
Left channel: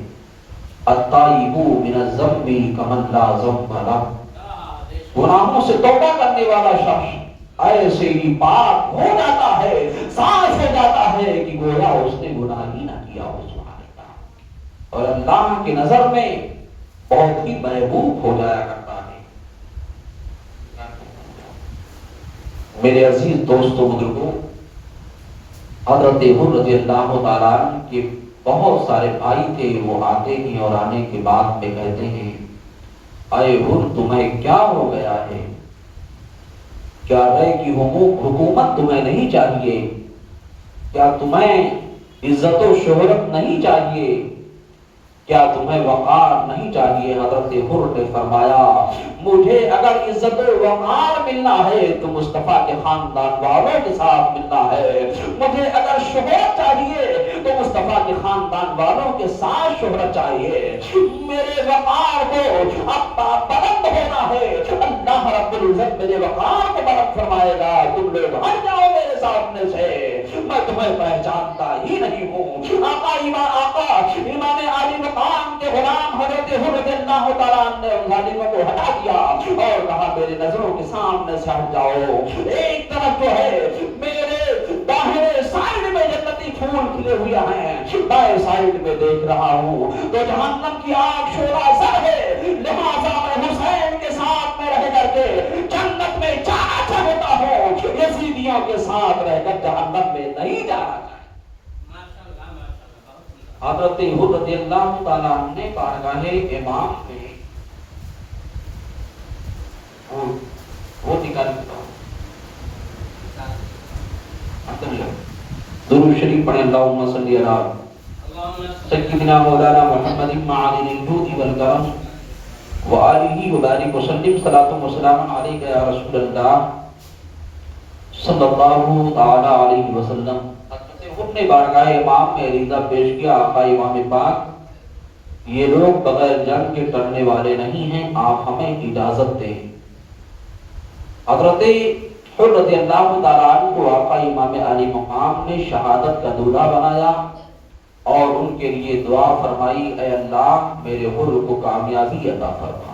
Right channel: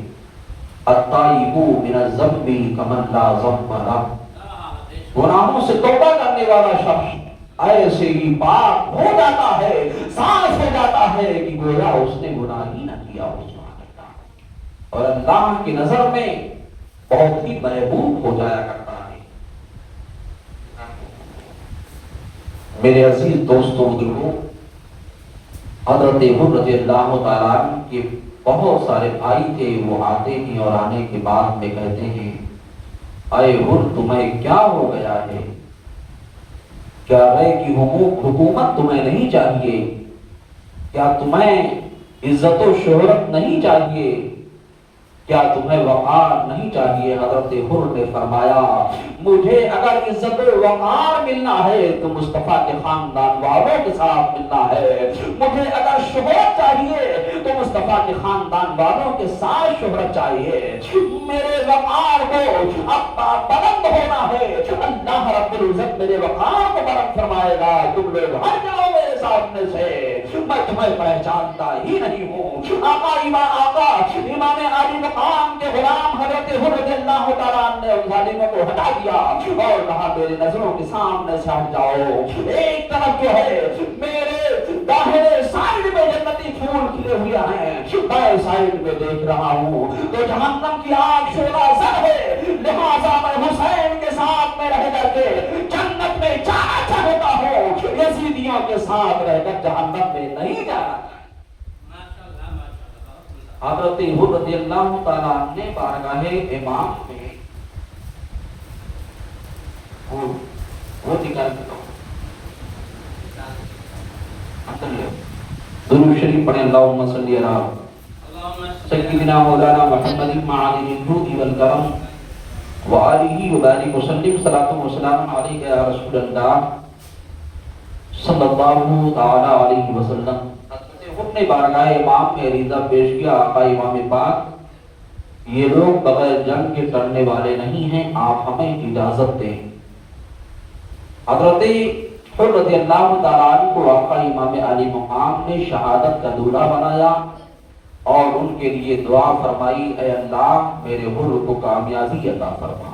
التائب من الذنب کمن لا ذنب لہ، گناہوں سے توبہ کرنے والا شخص ایسے ہی پاک ہو جاتا ہے، صاف ہو جاتا ہے کہ گویا اس نے گناہ ہی نہ کیا ہو، سبحان اللہ، اور اللہ کی نظر میں بہت ہی محبوب ہو جایا کرتا ہے۔ میرے عزیز دوستوں بزرگوں، حضرت حر رضی اللہ تعالیٰ عنہ کے بہت سارے بھائی تھے، وہ آتے ہیں اور آنے کے بعد میں کہتے ہیں اے حر تمہیں کیا ہو گیا ہے؟ کیا رے کی حکومت تمہیں نہیں چاہیے؟ کیا تمہیں عزت و شہرت نہیں چاہیے؟ کیا تمہیں وقار نہیں چاہیے؟ حضرت حر نے فرمایا مجھے اگر عزت و وقار ملنا ہے تو مصطفیٰ کے خاندان والوں کے ساتھ ملنا ہے، مجھے اگر شہرت چاہیے تو مصطفیٰ کے خاندان والوں کے ساتھ شہرت چاہیے، میرے وقار کو اب بلند ہونا ہے، اللہ رب العزت میرے وقار کو بلند فرمائے گا، تم لوگ ہٹ جاؤ میرے سامنے سے، میں تمہیں پہچانتا ہی نہیں ہوں۔ آقا امام علی مقام کے غلام حضرت حر رضی اللہ تعالیٰ عنہ نے ان ظالموں کو ہٹا دیا اور کہا میری نظروں کے سامنے سے ہٹ جاؤ۔ ایک طرف جو ہے میرے داہنے سائیڈ میں جنتی پھول کھلے ہوئے ہیں، بائیں سائیڈ میں دیکھ رہا ہوں تو جہنم کی آگ شعلہ زر ہے، لہٰذا میں حسین کے ساتھ میں رہ کر کے جنت میں جانا چاہتا ہوں، یزیدیوں کے ساتھ رہ کر جہنم میں نہیں جانا۔ حضرت حر رضی اللہ تعالیٰ عنہ نے بارگاہ امام میں وہ نکال درود شریف پڑھیں، اللہم صلی علی سیدنا مولانا محمد معالن الجود والکرم وآلہ وبارک وسلم، صلاۃ و سلام علیک یا رسول اللہ صلی اللہ تعالی علیہ وسلم۔ حضرت نے بارگاہ امام میں عریضہ پیش کیا، آقا امام پاک یہ لوگ بغیر جنگ کے ٹلنے والے نہیں ہیں، آپ ہمیں اجازت دیں۔ حضرت حر رضی اللہ تعالیٰ عنہ کو آقا امام علی مقام نے شہادت کا دولہا بنایا اور ان کے لیے دعا فرمائی، اے اللہ میرے حر کو کامیابی عطا فرما۔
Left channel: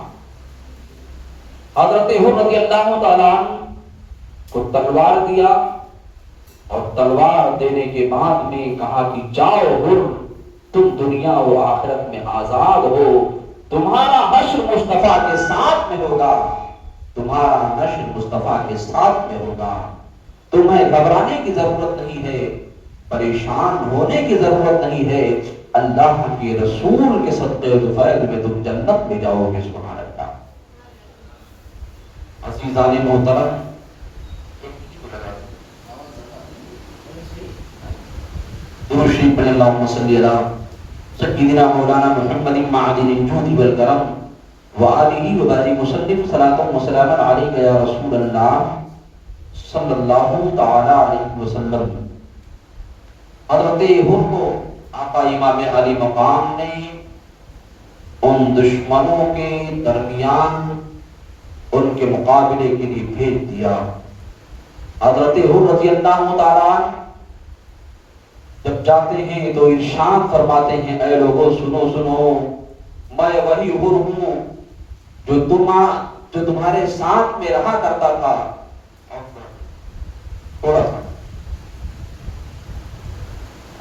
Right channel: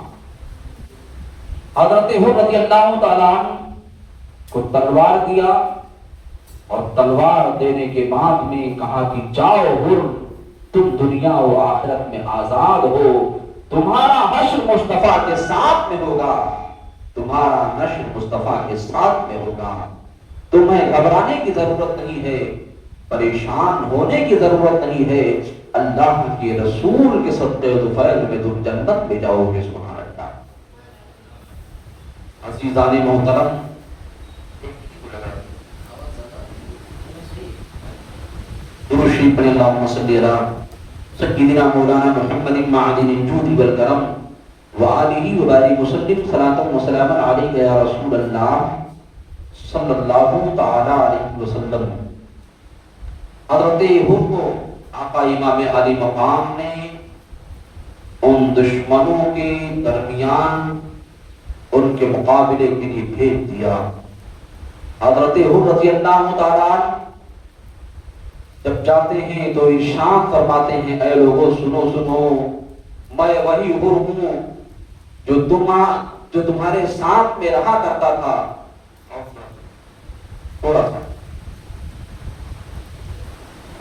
حضرت حر رضی اللہ تعالیٰ عنہ کو تلوار دیا اور تلوار دینے کے بعد میں کہا کہ جاؤ حر، تم دنیا و آخرت میں آزاد ہو، تمہارا حشر مصطفیٰ کے ساتھ میں ہوگا، تمہارا نشر مصطفیٰ کے ساتھ میں ہوگا، تمہیں گھبرانے کی ضرورت نہیں ہے، پریشان ہونے کی ضرورت نہیں ہے، اللہ کے رسول کے صدقے و فیض میں تم جنت میں جاؤ گے، سبحان اللہ۔ عزیزان محترم، درود شریف پڑھیں، اللہم صلی علی سیدنا مولانا محمد معدن الجود والکرم وآلہ وبارک وسلم، صلاۃ و سلام علیک یا رسول اللہ صلی اللہ تعالی علیہ وسلم۔ حضرت حر کو آقا امام علی مقام نے ان دشمنوں کے درمیان ان کے مقابلے کے لیے بھیج دیا۔ حضرت حر رضی اللہ تعالیٰ عنہ جب جاتے ہیں تو ارشاد فرماتے ہیں، اے لوگوں سنو سنو، میں وہی حر ہوں جو تمہارے ساتھ میں رہا کرتا تھا، تھوڑا سا،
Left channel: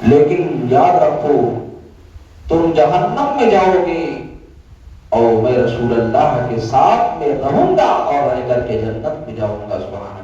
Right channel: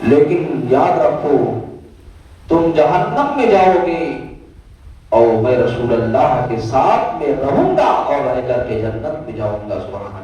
لیکن یاد رکھو تم جہنم میں جاؤ گے اور میں رسول اللہ کے ساتھ میں رہوں گا اور رہ کر کے جنت میں جاؤں گا، سبحان اللہ۔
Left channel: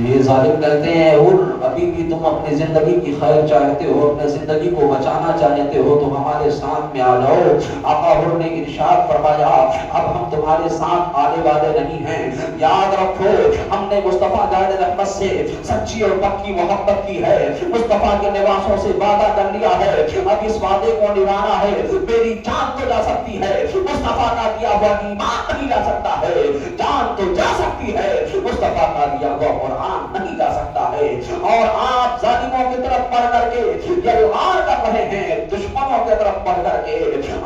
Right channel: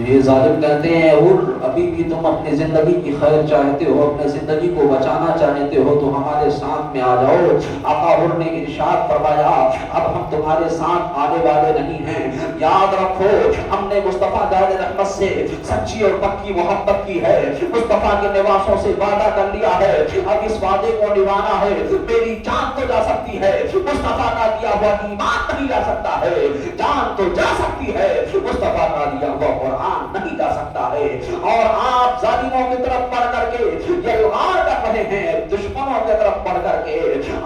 یہ ظالم کہتے ہیں حر ابھی بھی تم اپنی زندگی کی خیر چاہتے ہو، اپنے زندگی کو بچانا چاہتے ہو تو ہمارے ساتھ میں آ جاؤ۔ آقا حر نے ارشاد فرمایا اب ہم تمہارے ساتھ آنے والے نہیں ہیں، یاد رکھو ہم نے مصطفیٰ جان رحمت سے سچی اور پکی محبت کی ہے، مصطفیٰ کے نواسوں سے وعدہ کر لیا ہے، اب اس وعدے کو نبھانا ہے، میری جان تو جا سکتی ہے، مصطفیٰ کا دیا ہوا ایمان نہیں جا سکتا ہے، جان تو جا سکتی ہے، مصطفیٰ کا دیا ہوا قرآن نہیں جا سکتا ہے۔ اور آپ ظالموں کی طرف پڑھ کر کے یلغار کر رہے ہیں، دشمنوں کی طرف پڑھ کر کے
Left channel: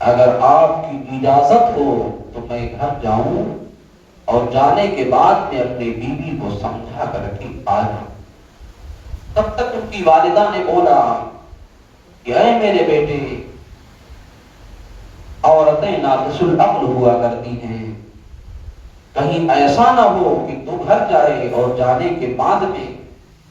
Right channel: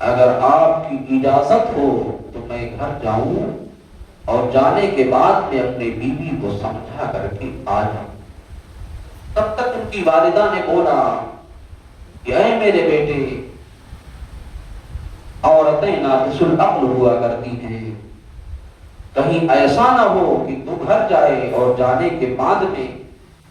اگر آپ کی اجازت ہو تو میں گھر جاؤں اور جانے کے بعد میں اپنے بیوی کو سمجھا کر کے آ جاؤں۔ تب تک ان کی والدہ نے بولا کہ اے میرے بیٹے، عورتیں ناقص العقل ہوا کرتی ہیں، کہیں ایسا نہ ہو کہ تو گھر جائے اور جانے کے بعد میں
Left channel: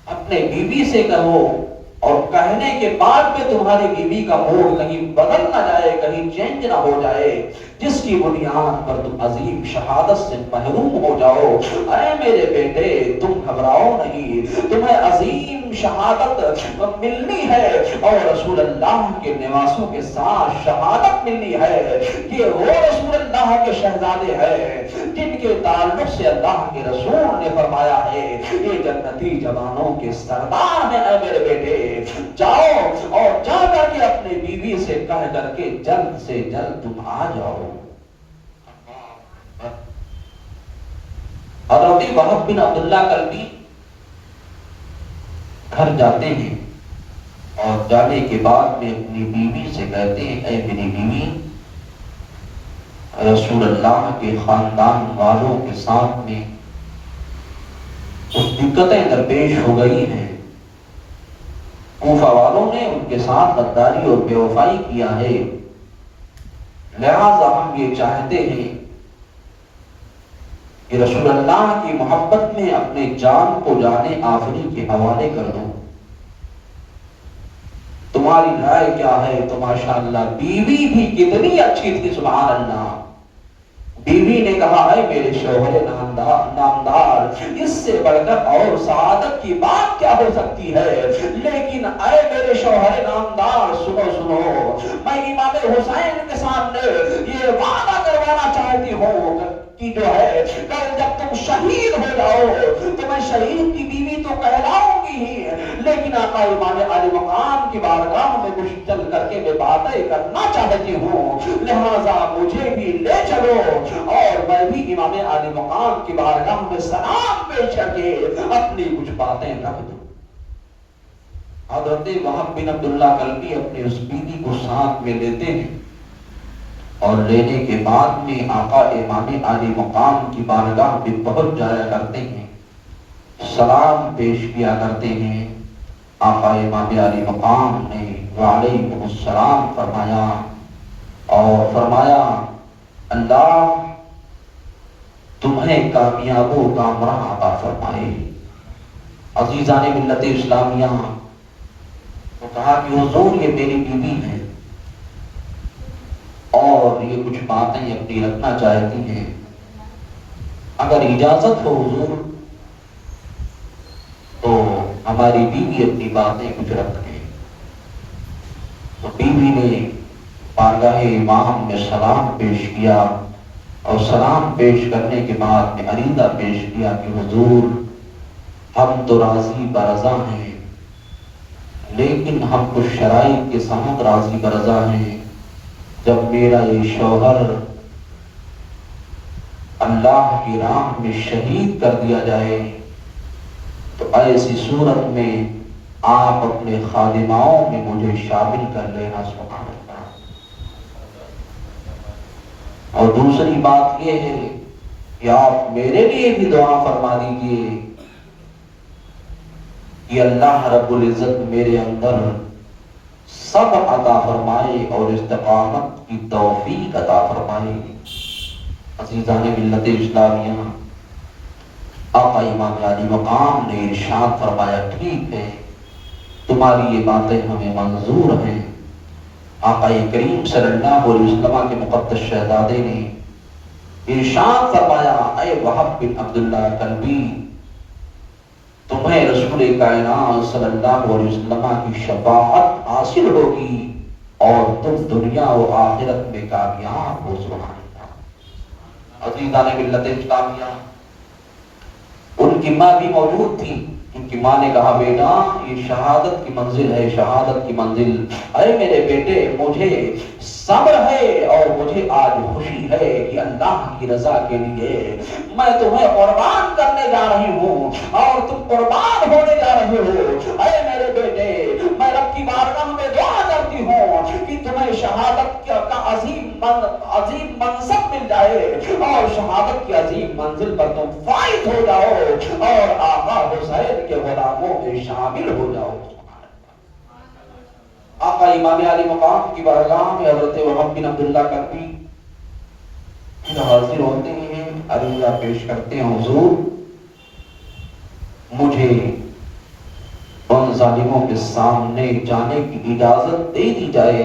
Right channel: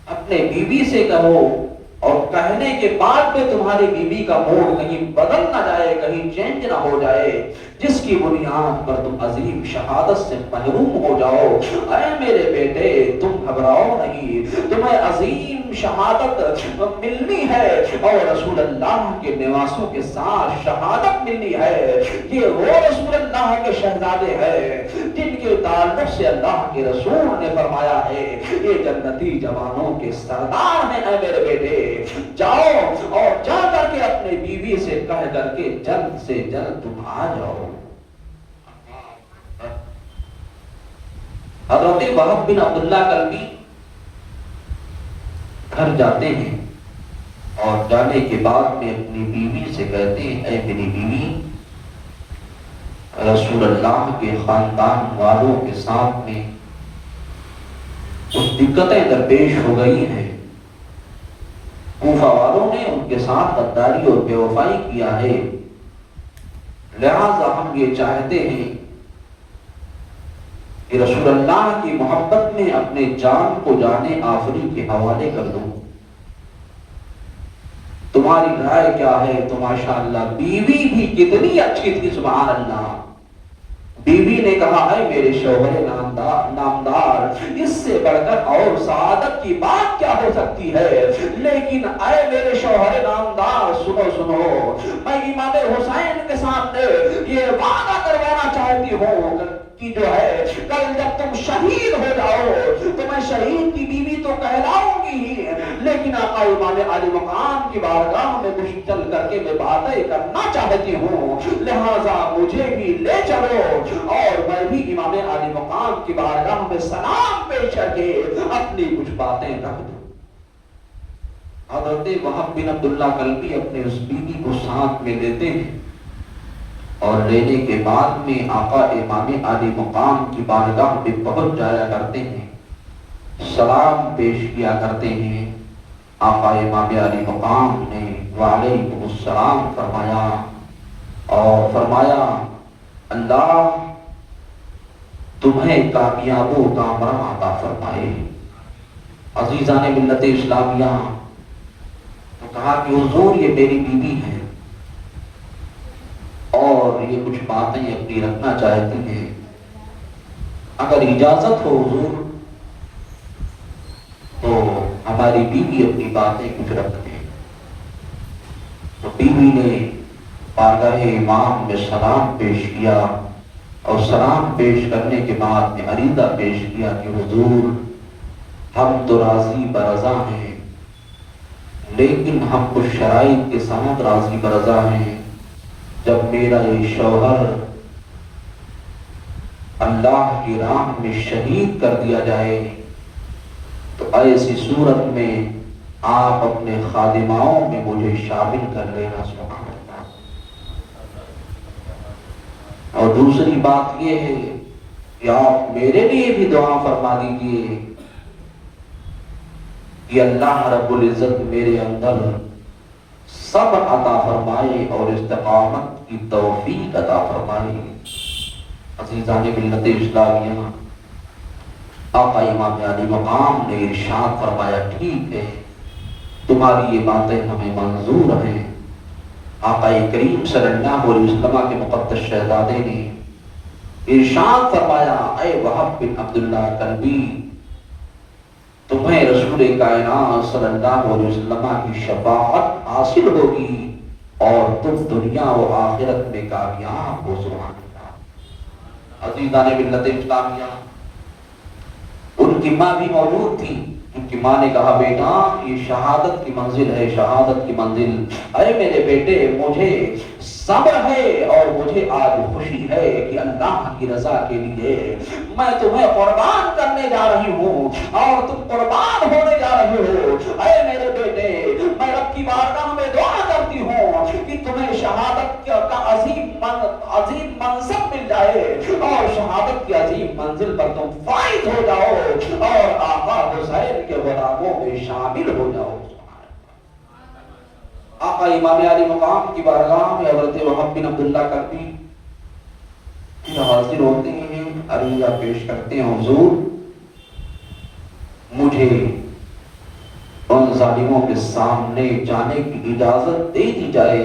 اپنے بیوی سے کہو اور کہنے کے بعد میں تمہاری بیوی کا موڈ کہیں بدل نہ جائے، کہیں چینج نہ ہو جائے، جس کی بنیاد پر تم عظیم شہادت سے محروم ہو جاؤ۔ اے میرے بیٹے، تم گھبراؤ نہیں، تمہیں عظیم شہادت ملنی ہے اور رسول اللہ کے نواسوں کے ساتھ شہادت ملنی ہے۔ یہ وہ رسول اللہ کے شہزادے ہیں جن کے تعلق سے اللہ کے رسول نے فرمایا ہے یہ جنتی جوانوں کے سردار ہیں۔ اے میرے بیٹے، جاؤ اور جا کر کے اپنے بیوی سے کہہ کر کے جلد سے جلد تم آ جاؤ۔ حضرت وہب بن عبداللہ کلبی گھر جاتے ہیں اور جانے کے بعد میں اپنی بیوی سے کہتے ہیں اے میری بیوی، رسول اللہ کے خاندان والوں کے ساتھ میں کچھ دقتیں درپیش ہو گئی ہیں، کوفہ والوں نے ان کے ساتھ غداری اور بے وفائی کیا ہے، لہذا ہم یہ چاہتے ہیں کہ رسول اللہ کی محبت میں اپنے جان کو جانے آخری کے حوالے کر دوں، تمہاری رائے کیا ہے؟ تو ماشاءاللہ بیوی بھی کتنی اچھی تھی، سبحان اللہ۔ بیوی نے کہا اے میرے شوہر نامدار، اس سے بڑھ کر اور سعادت کی بات کیا ہو سکتی ہے؟ لیکن اے میرے شوہر نامدار، سنو، میں امام حسین کے سامنے یہ وعدہ کروانا چاہتی ہوں کہ جو ہے کل جب تم شہید ہو جاؤ تو میں شہید کی بیوی تو کہلاؤں گی ہی، لیکن آقا امام علی مقام کی بارگاہ میں کچھ چل کر کے میں باتیں کرنا چاہتی ہوں، لہذا مجھے بھی لے چلو اور میں بھی امام علی مقام کی بارگاہ میں سلام پیش کر کے اپنی کچھ باتیں رکھ دوں۔ حضرت وہب بن عبداللہ کلبی اپنے اس بیوی کو ساتھ میں لیتے ہیں اور لینے کے بعد میں آقا امام علی مقام کی بارگاہ میں پہنچ جایا کرتے ہیں، سلام پیش کیا کرتے ہیں۔ آقا امام علی مقام نے وعلیکم السلام فرمایا اور فرمایا اللہ تمہیں کامیاب و کامران عطا فرمائے۔ عزیزان ملت اسلامیہ، تو کہا کہ حضور یہ میری بیوی ہے اور یہ کچھ باتیں اپنی رکھنا چاہتی ہیں، اگر اجازت ہو حضور تو ہماری بیوی اپنی باتیں کچھ رکھ دے۔ تو بیوی نے بارگاہ امام میں سلام پیش کیا اور سلام پیش کرنے کے بعد میں عریضہ پیش کیا کہ حضور ہم تو راضی برضا ہیں، لیکن ہم کچھ شرائط کے ساتھ راضی برضا ہیں۔ جب میرا یہ شوہر اللہ کی راہ میں شہید کر دیا جائے تو ایسی صورت میں آپ اپنے خادماؤں میں مجھے شامل کر لینا، سبحان اللہ۔ اور دوسری بات یہ ہے کہ آپ میرے لیے بھی دعا فرما دیجیے کہ اللہ رب العزت میرے اندر صبر عطا فرمائے اور استقامت کی توفیق عطا فرمائے۔ عزیزان ملت اسلامیہ، آقا امام علی مقام نے ارشاد فرمایا ٹھیک ہے تمہاری یہ باتیں ہمیں منظور ہیں۔ آقا کریم صلی اللہ علیہ وسلم کے مقدس شہزادے نے ارشاد فرمایا اے وہب بن عبداللہ کلبی، تمہیں رسول کائنات صلی اللہ علیہ وسلم کی شفاعت حاصل ہوگی اور تم دنیا و آخرت میں کامیاب ہو، سبحان اللہ۔ عزیزان ملت اسلامیہ، ان کی ماں بھی موجود تھی، ان کی ماں نے کہا بیٹا یہ شہادت کی منزل ہے، شہادت کی منزل۔ اے میرے بیٹے مجھے صبر ہے اور مجھے آج خوشی ہے کہ اللہ کی رضا کے لیے میں تمہیں قربان کرنے جا رہی ہوں اور تم قربان ہونے جا رہے ہو۔ اے میرے بیٹے میں رب کی بارگاہ میں دعا کرتی چاہتی ہوں کہ تمہیں شہادت کا عظیم منصب مل جائے اور شہادت کی عظیم منزل پر تم فائز ہو جاؤ اور آقا حسین کے غلاموں میں شامل ہو جاؤ۔ آقا امام علی مقام کی بارگاہ میں حضرت وہب بن عبداللہ کربی پھر حاضر ہوتے ہیں، عریضہ پیش کرتے ہیں، حضور مجھے ان ظالموں کے سامنے جانے کی اجازت دے دی جائے،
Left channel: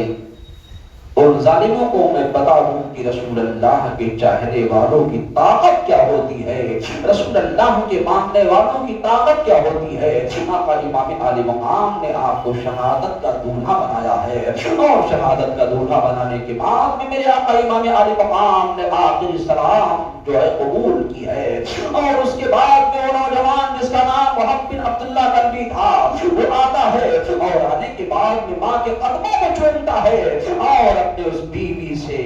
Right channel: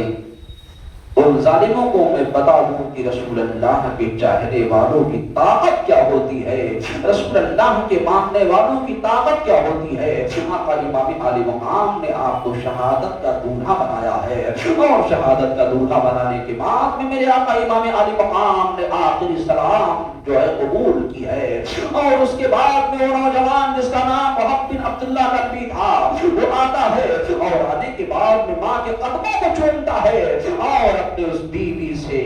ان ظالموں کو میں بتا دوں کہ رسول اللہ کے چاہنے والوں کی طاقت کیا ہوتی ہے، رسول اللہ کے ماننے والوں کی طاقت کیا ہوتی ہے۔ آقا امام علی مقام نے آپ کو شہادت کا دولہا بنایا ہے اور شہادت کا دولہا بنانے کے بعد میں میرے آقا امام علی مقام نے آخری سلام جو ہے قبول کی ہے، اور اس کے بعد میں وہ نوجوان جس کا نام وہب بن عبداللہ کربی تھا وہ آتا ہے اور آنے کے بعد میں ماں کے قدموں کو چومتا ہے اور اپنے اس بیوی سے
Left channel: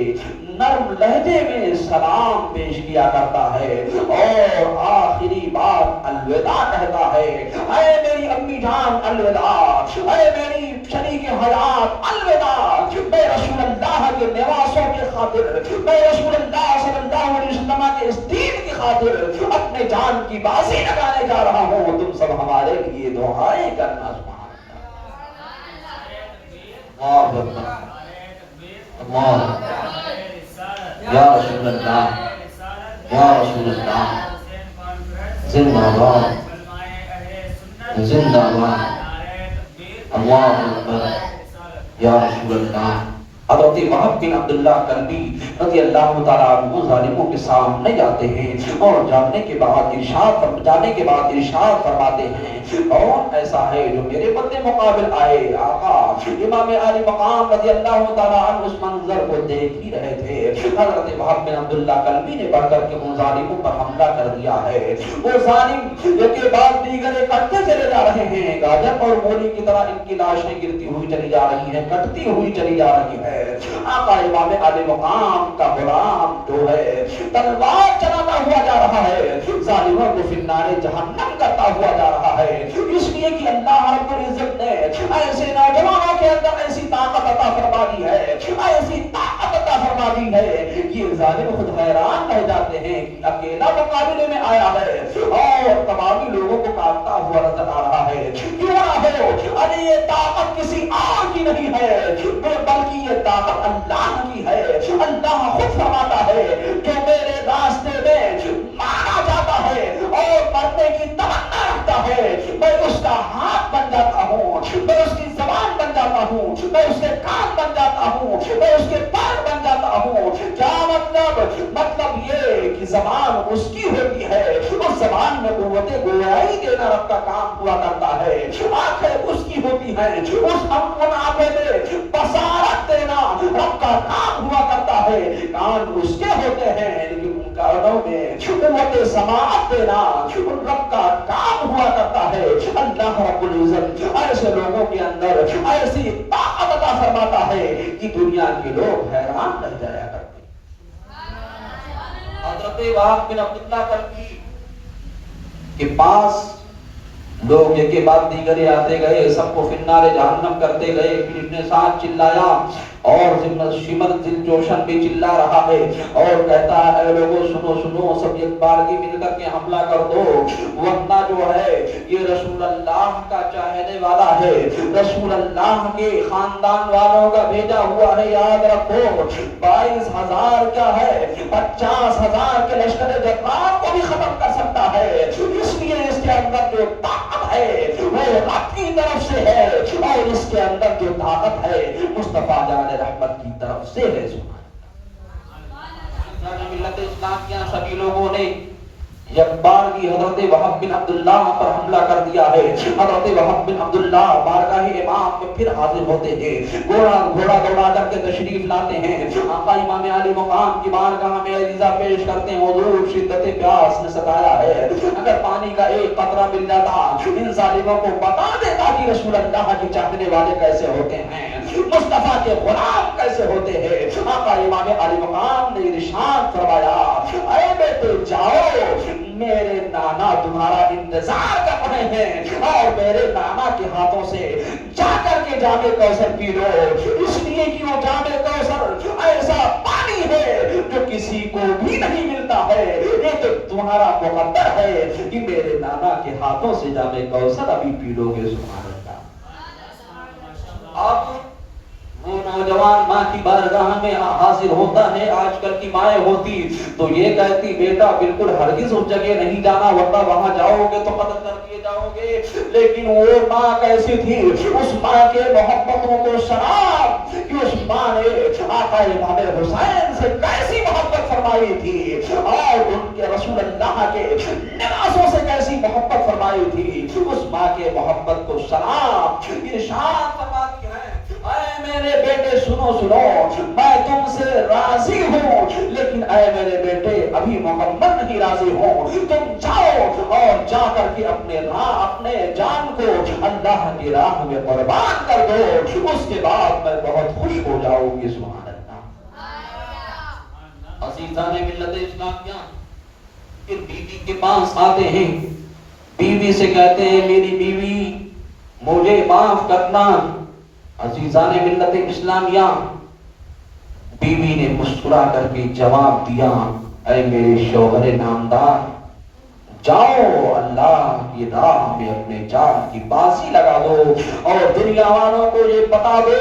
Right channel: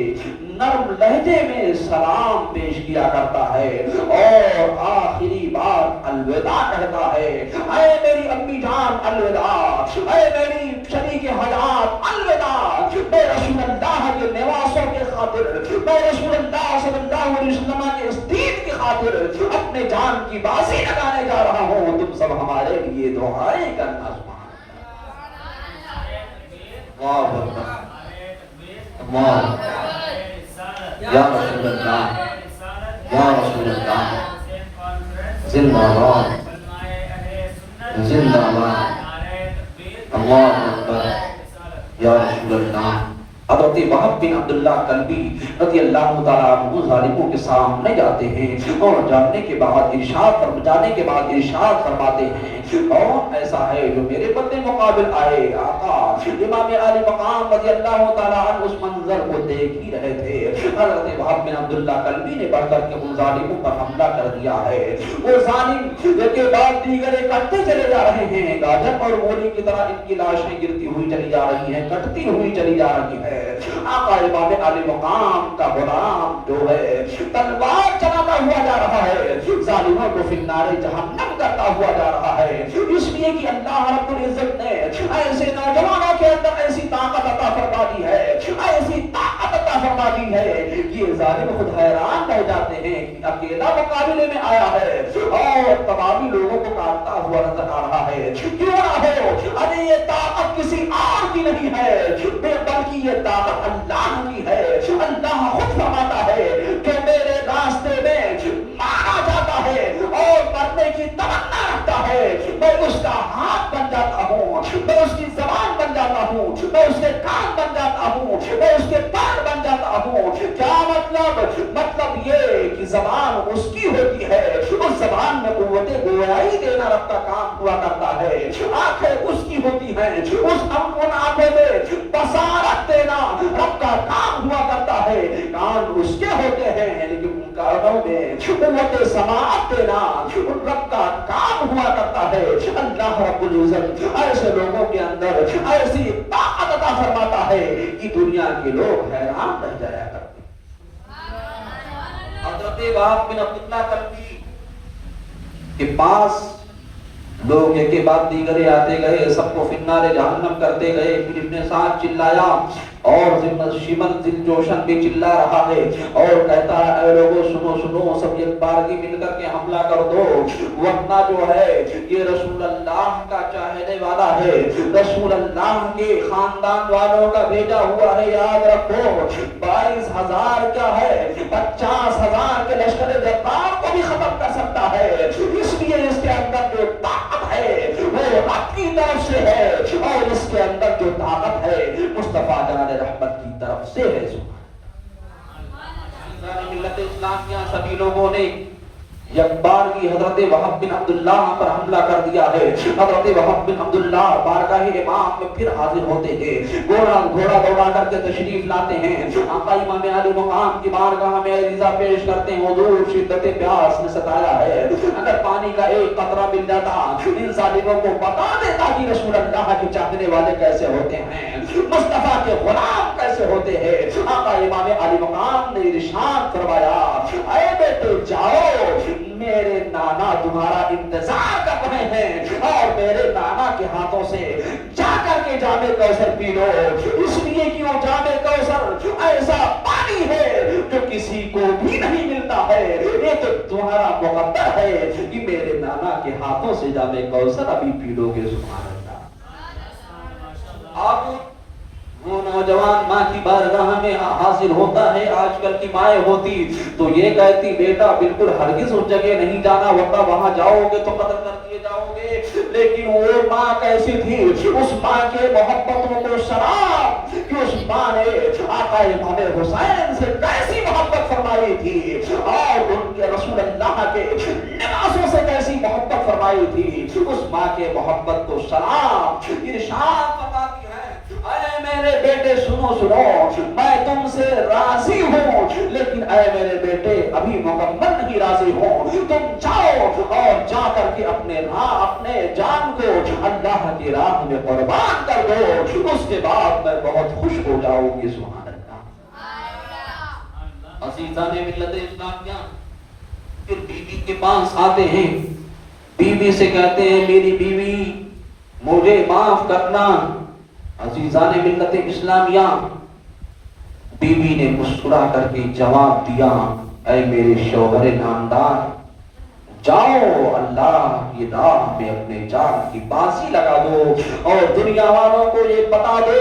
نرم لہجے میں سلام پیش کیا کرتا ہے اور آخری بار الوداع کہتا ہے، اے میری امی جان الوداع، اے میری شریک حیات الوداع، میں رسول اللہ کے نواسوں کے خاطر، میں رسول اللہ صلی اللہ علیہ وسلم کے اس دین کی خاطر اپنے جان کی بازی لگانے جا رہا ہوں، تم سب ہمارے لیے دعائیں کرنا۔ سبحان اللہ، اللہ یا رسول اللہ، یا رسول اللہ، زندہ باد، زندہ باد، اللہ اکبر، یا رسول اللہ۔ حضرت وہب بن عبداللہ کلبی رضی اللہ تعالیٰ عنہ ظالموں کے سامنے جاتے ہیں اور جانے کے بعد ارشاد فرماتے ہیں، اور ایسا ہے جو میرے بندے مقابل آئے۔ آقا امام علی مقام رضی اللہ تعالیٰ عنہ اس منظر کو دیکھ ہی رہے تھے، حضرت وہب بن عبداللہ کلبی نے بڑھ کر کے ان ظالموں پر حملہ کر دیا ہے۔ وہ ظالم ایک کے بعد دیگر کٹتے چلے جا رہے ہیں، گاجر اور مولی کی طرح ان کی لاشیں گرتی ہوئی چلی جا رہی ہیں، کٹتی ہوئی چلی جا رہی ہے۔ آقا امام علی مقام کا غلام جو ہے تلوار چلاتا ہوا جا رہا ہے، ظالموں کو فی النار جہنم کرتا ہوا جا رہا ہے، اس لیے کہ اللہ رب العزت نے ایسے نوجوانوں کے اندر ایسی طاقت عطا فرما دی ہے، ایسی طاقت عطا فرما دی ہے کہ یہ ظالم خود حیران رہ جاتے ہیں کہ اکیلا مقابلے میں آیا ہے اور تمامی لوگوں کو کاٹتا ہوا نظر آ رہا ہے، کیوں نہ ہو، ارے یہ طاقت کسی اور کی نہیں ہے بلکہ یہ طاقت اللہ کی ہے۔ اللہ خود فرماتا ہے کہ میرے راستے میں مارا جاتا ہے اور مرنے کی تمنا رکھتا ہے، میں اس کا ہاتھ بن جاتا ہوں، میں اس کی زبان بن جاتا ہوں، میں اس کے کان بن جاتا ہوں، میں اس کے پیر بن جاتا ہوں۔ کیا مطلب یہ کہ زبان اس کی ہوتی ہے، اس زبان میں قوت گویائی دینا رب کا کام ہوا کرتا ہے، آنکھیں اس کی ہوتی ہیں، ان آنکھوں میں بصارت دینا رب کا کام ہوا کرتا ہے، کان اس کے ہوتے ہیں لیکن ان کانوں میں قوت سماعت دینا رب کا کام ہوا کرتا ہے۔ اللہ رب العزت ایسے لوگوں کے اندر ایسی طاقت عطا فرماتا ہے کہ دنیا کے لوگ حیران رہ جایا کرتے۔ حضرت وہب بن عبداللہ کلبی کے پاس لوگ ایک کے بعد دیگر آتے گئے، سب کو فی النار جہنم کرتے گئے، پھر ابن سعد چلایا اور شمر دل جوشن بھی چلا رہا ہے اور کہتا ہے، اے لوگوں سنو سنو، سب ایک بارگی مل کر کے حملہ کر دو، ورنہ جو ہے یہ رسول اللہ کا چاہنے والا ہے، رسول اللہ کے خاندان والوں کا بھیجا ہوا ہے، یاد رکھو 22,000 کیا ہے 50,000 کے لشکر جبار کو بھی ختم کر سکتا ہے، اس لیے اس کے اندر جو طاقت ہے وہ رب کی طرف سے ہے اور اس کے اندر جو طاقت ہے مصطفیٰ جان رحمت کی طرف سے ہے۔ ملت اسلام کے سبھی لوگوں نے یک بار کی حضرت وہب بن عبداللہ پر حملہ کر دیا ہے۔ حضرت وہب بن عبداللہ بارگاہ امام میں پھر حاضر ہوتے ہیں، گھوڑا دوڑا کر کے تشریف لاتے ہیں، آقا امام علی مقام کی بارگاہ میں عریضہ پیش کرتے ہیں، حضور شدت پیاس نے ستایا ہے، اگر پانی کا ایک قطرہ مل جاتا ان ظالموں کو بتا دیتا کہ رسول اللہ کے چاہنے والے کیسے ہوتے ہیں، مصطفیٰ کے غلام کیسے ہوتے ہیں۔ آقا امام علی مقام نے ارشاد فرمایا، اے بیٹے جاؤ، میں میرے نانا تمہارا انتظار کر رہے ہیں اور میرے نانا کے ہاتھوں سے جا کر کے جام کوثر پی لو، اس لیے کہ وہ جام کوثر ایسا پانی ہے جو کسی کو بھی نہیں ملتا ہے، یہ تو تمہارا مقدر ہے کہ میرے نانا کے ہاتھوں سے جام کوثر ابھی پی لو گے۔ سبحان اللہ۔ اب وہ نوجوان ماں کی بارگاہ میں حاضر ہوتا ہے، آج کل کی مائیں ہوتی تو یہ کہتی بیٹا بالکل ہرگز اس جگہ نہیں جانا ورنہ وہاں جاؤ گے تو قتل کر دیے جاؤ گے، لیکن وہ ماں کیسی تھی، اس ماں کے محبتوں کو سلام کہ اس ماں نے آقا امام حسین سے کیسی محبت فرمائی تھی اور ان کے رسول اللہ کے لباسوں سے کیسی محبت فرمائی تھی، اس ماں کے محبت کو سلام۔ ارشاد فرماتی ہے اے میرے بیٹے سنو سنو، میں تم سے راضی ہوں لیکن اے میرے بیٹے ابھی مکمل نہیں راضی ہوں، تم جاؤ اور جا کر کے اپنے جان کو اللہ کی راہ میں قربان کر دو، اس کے بعد میں بہت خوش ہو جاؤں گی۔ سبحان اللہ۔ عزیزان ملت اسلامیہ، پھر بیوی کے پاس آتے ہیں، بیوی سے کہتے ہیں میری بیوی مجھے معاف کرنا۔ عزیزان ملت اسلامیہ، بیوی نے مسکرا کر کے جواب دیا اے میرے شوہر نامدار، جاؤ اللہ کی راہ میں اپنے جان کی بازی لگا دو اور دنیا والوں کو یہ بتا دو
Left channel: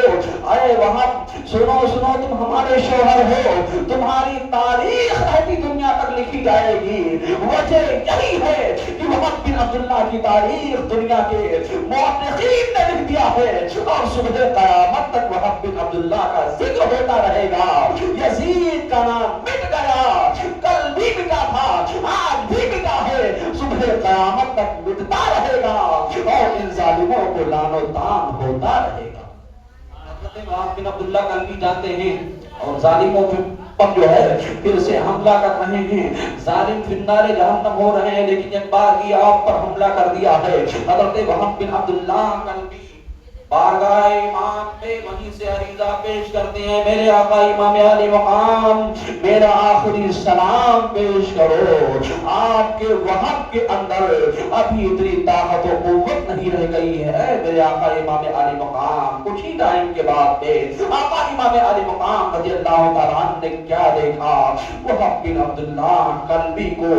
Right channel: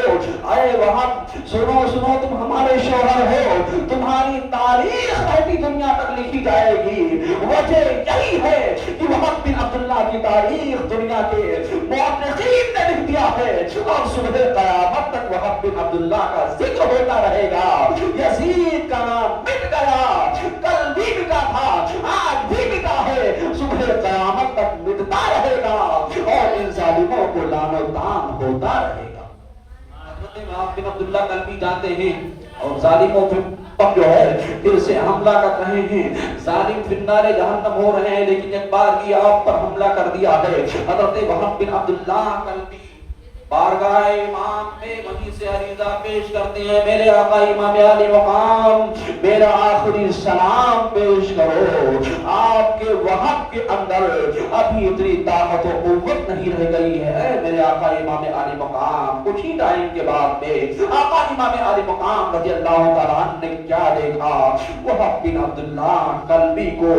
اے وہاں سنو سنو تم ہمارے شوہر ہو، تمہاری تاریخ رہتی دنیا تک لکھی جائے گی۔ وجہ یہی ہے کہ وہب بن عبداللہ کی تاریخ دنیا کے مورخین نے لکھ دیا ہے اور صبح قیامت تک وہب بن عبداللہ کا ذکر ہوتا رہے گا۔ یزید کا نام مٹ گیا، کل بھی مٹا تھا آج بھی مٹا ہے، صبح قیامت تک مٹتا رہے گا اور ان ظالموں کو لعن و طعن ہوتا رہے گا۔ حضرت وہب بن عبداللہ کل بھی جاتے ہیں اور ظالموں پر جو ہے پھر سے حملہ کر رہے ہیں، ظالم فی النار جہنم ہو رہے ہیں، لیکن ایک بار کی آپ پر حملہ کر دیا ہے۔ حضرت وہب بن عبداللہ کل بھی بارگاہ امام میں وہیں سے عریضہ پیش کرتے ہیں میرے آقا امام علی مقام میرا آخری سلام پیش کرو، آپ کے وہب کے اندر ابھی اتنی طاقت و قوت نہیں رہ گئی ہے میرے آقا امام علی مقام۔ کچھ ہی ٹائم کے بعد میں آقا امام علی مقام رضی اللہ تعالیٰ عنہ نے کیا دیکھا، وہب بن عبداللہ کلبی کو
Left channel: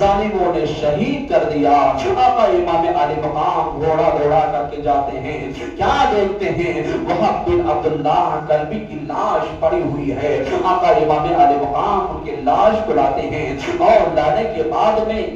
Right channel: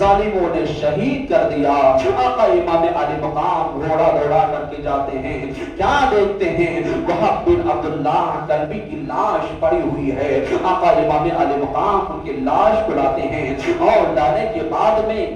ظالموں نے شہید کر دیا۔ آقا امام علی مقام گھوڑا دوڑا کر کے جاتے ہیں، کیا دیکھتے ہیں وہب بن عبداللہ کلبی کی لاش پڑی ہوئی ہے۔ آقا امام علی مقام ان کی لاش کو لاتے ہیں اور لانے کے بعد میں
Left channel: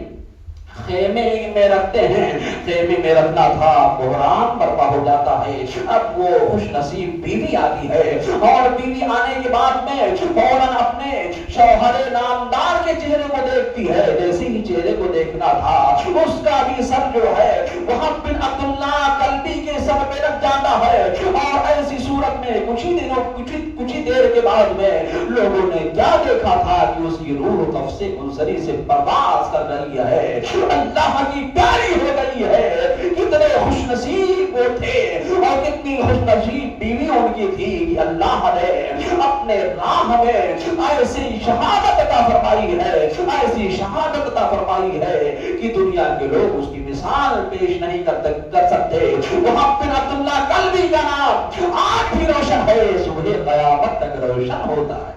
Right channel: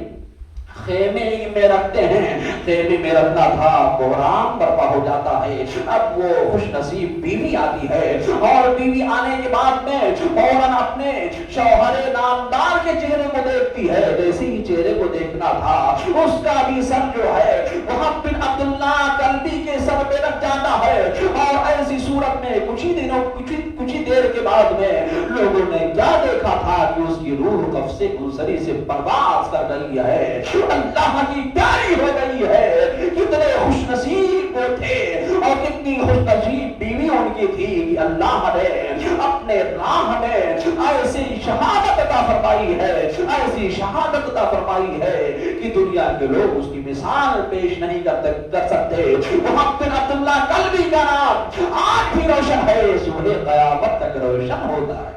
خیمے میں رکھتے ہیں، خیمے میں رکھنا تھا، بحران برپا ہو جاتا ہے۔ اب وہ خوش نصیب بیوی آتی ہے اور بیوی آنے کے بعد میں فوراً اپنے شوہر نامدار کے چہرے کو دیکھتی ہے، جیسے ہی چہرے کو دیکھنا تھا اس کا بھی سر جو ہے وہب بن عبداللہ کلبی کے سر پہ رکھ جاتا ہے اور ایسی صورت میں کچھ ہی دیر کے بعد میں لوگوں نے کیا دیکھا تھا کہ اس کی روح قبض سے منصری سے پرواز کر رہی ہے، اللہ کی پیاری ہو گئی ہے۔ کتنے خوش نصیب وہ تھے اور کتنی خوش نصیب بیوی ان کی تھی کہ اللہ نے اپنے راہ میں ایسی شہادت عطا فرمائی ہے، ایسی شہادت عطا فرمائی ہے کہ دنیا کے لوگ اس کی مثال پیش نہیں کر سکتے۔ وہب بن عبداللہ کلبی کا نام آج بھی روشن ہے، صبح قیامت تک روشن ہوتا ہے۔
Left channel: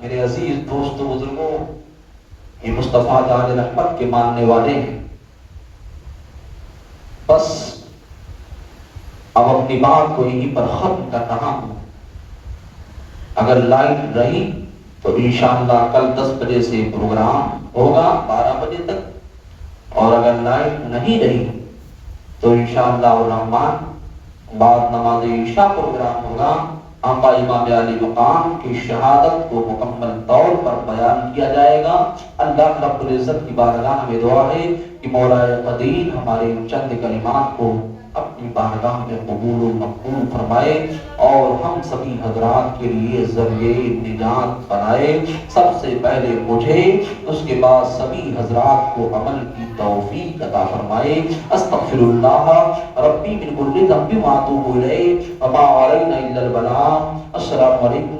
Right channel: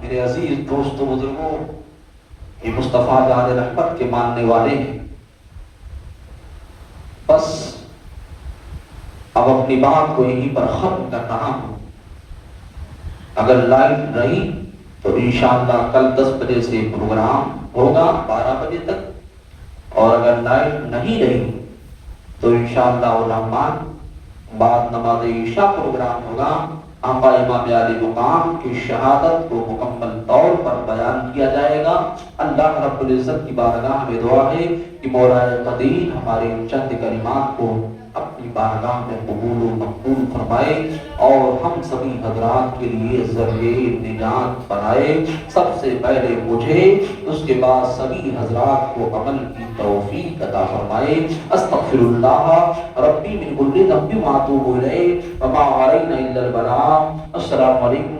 میرے عزیز دوستو بزرگوں، یہ مصطفیٰ جان رحمت کے ماننے والے ہیں، بس اب اپنی بات کو یہیں پر ختم کر رہا ہوں۔ اگر لائٹ رہی تو انشاءاللہ کل 10 بجے سے پروگرام ہوگا 12 بجے تک، اور اگر لائٹ نہیں رہی تو انشاءاللہ الرحمن بعد نماز عشاء پروگرام ہوگا۔ آقا امام علی مقام کی شہادت کو مکمل طور پر بیان کیا جائے گا۔ اللہ رب العزت کی بارگاہ میں دعا ہے کہ مولا قدیر ہمارے چند کلمات کو اپنی بارگاہ میں قبول و مقبول فرمائے اور ہم سبھی حضرات کے لیے ذریعہ نجات بنائے، سب سے پہلے مجھے اس کے بعد سبھی حضرات کو عمل کی توفیق عطا فرمائے۔ استغفر اللہ ربی من کل ذنب واتوب الیہ وما علینا الا البلاغ۔ السلام علیکم۔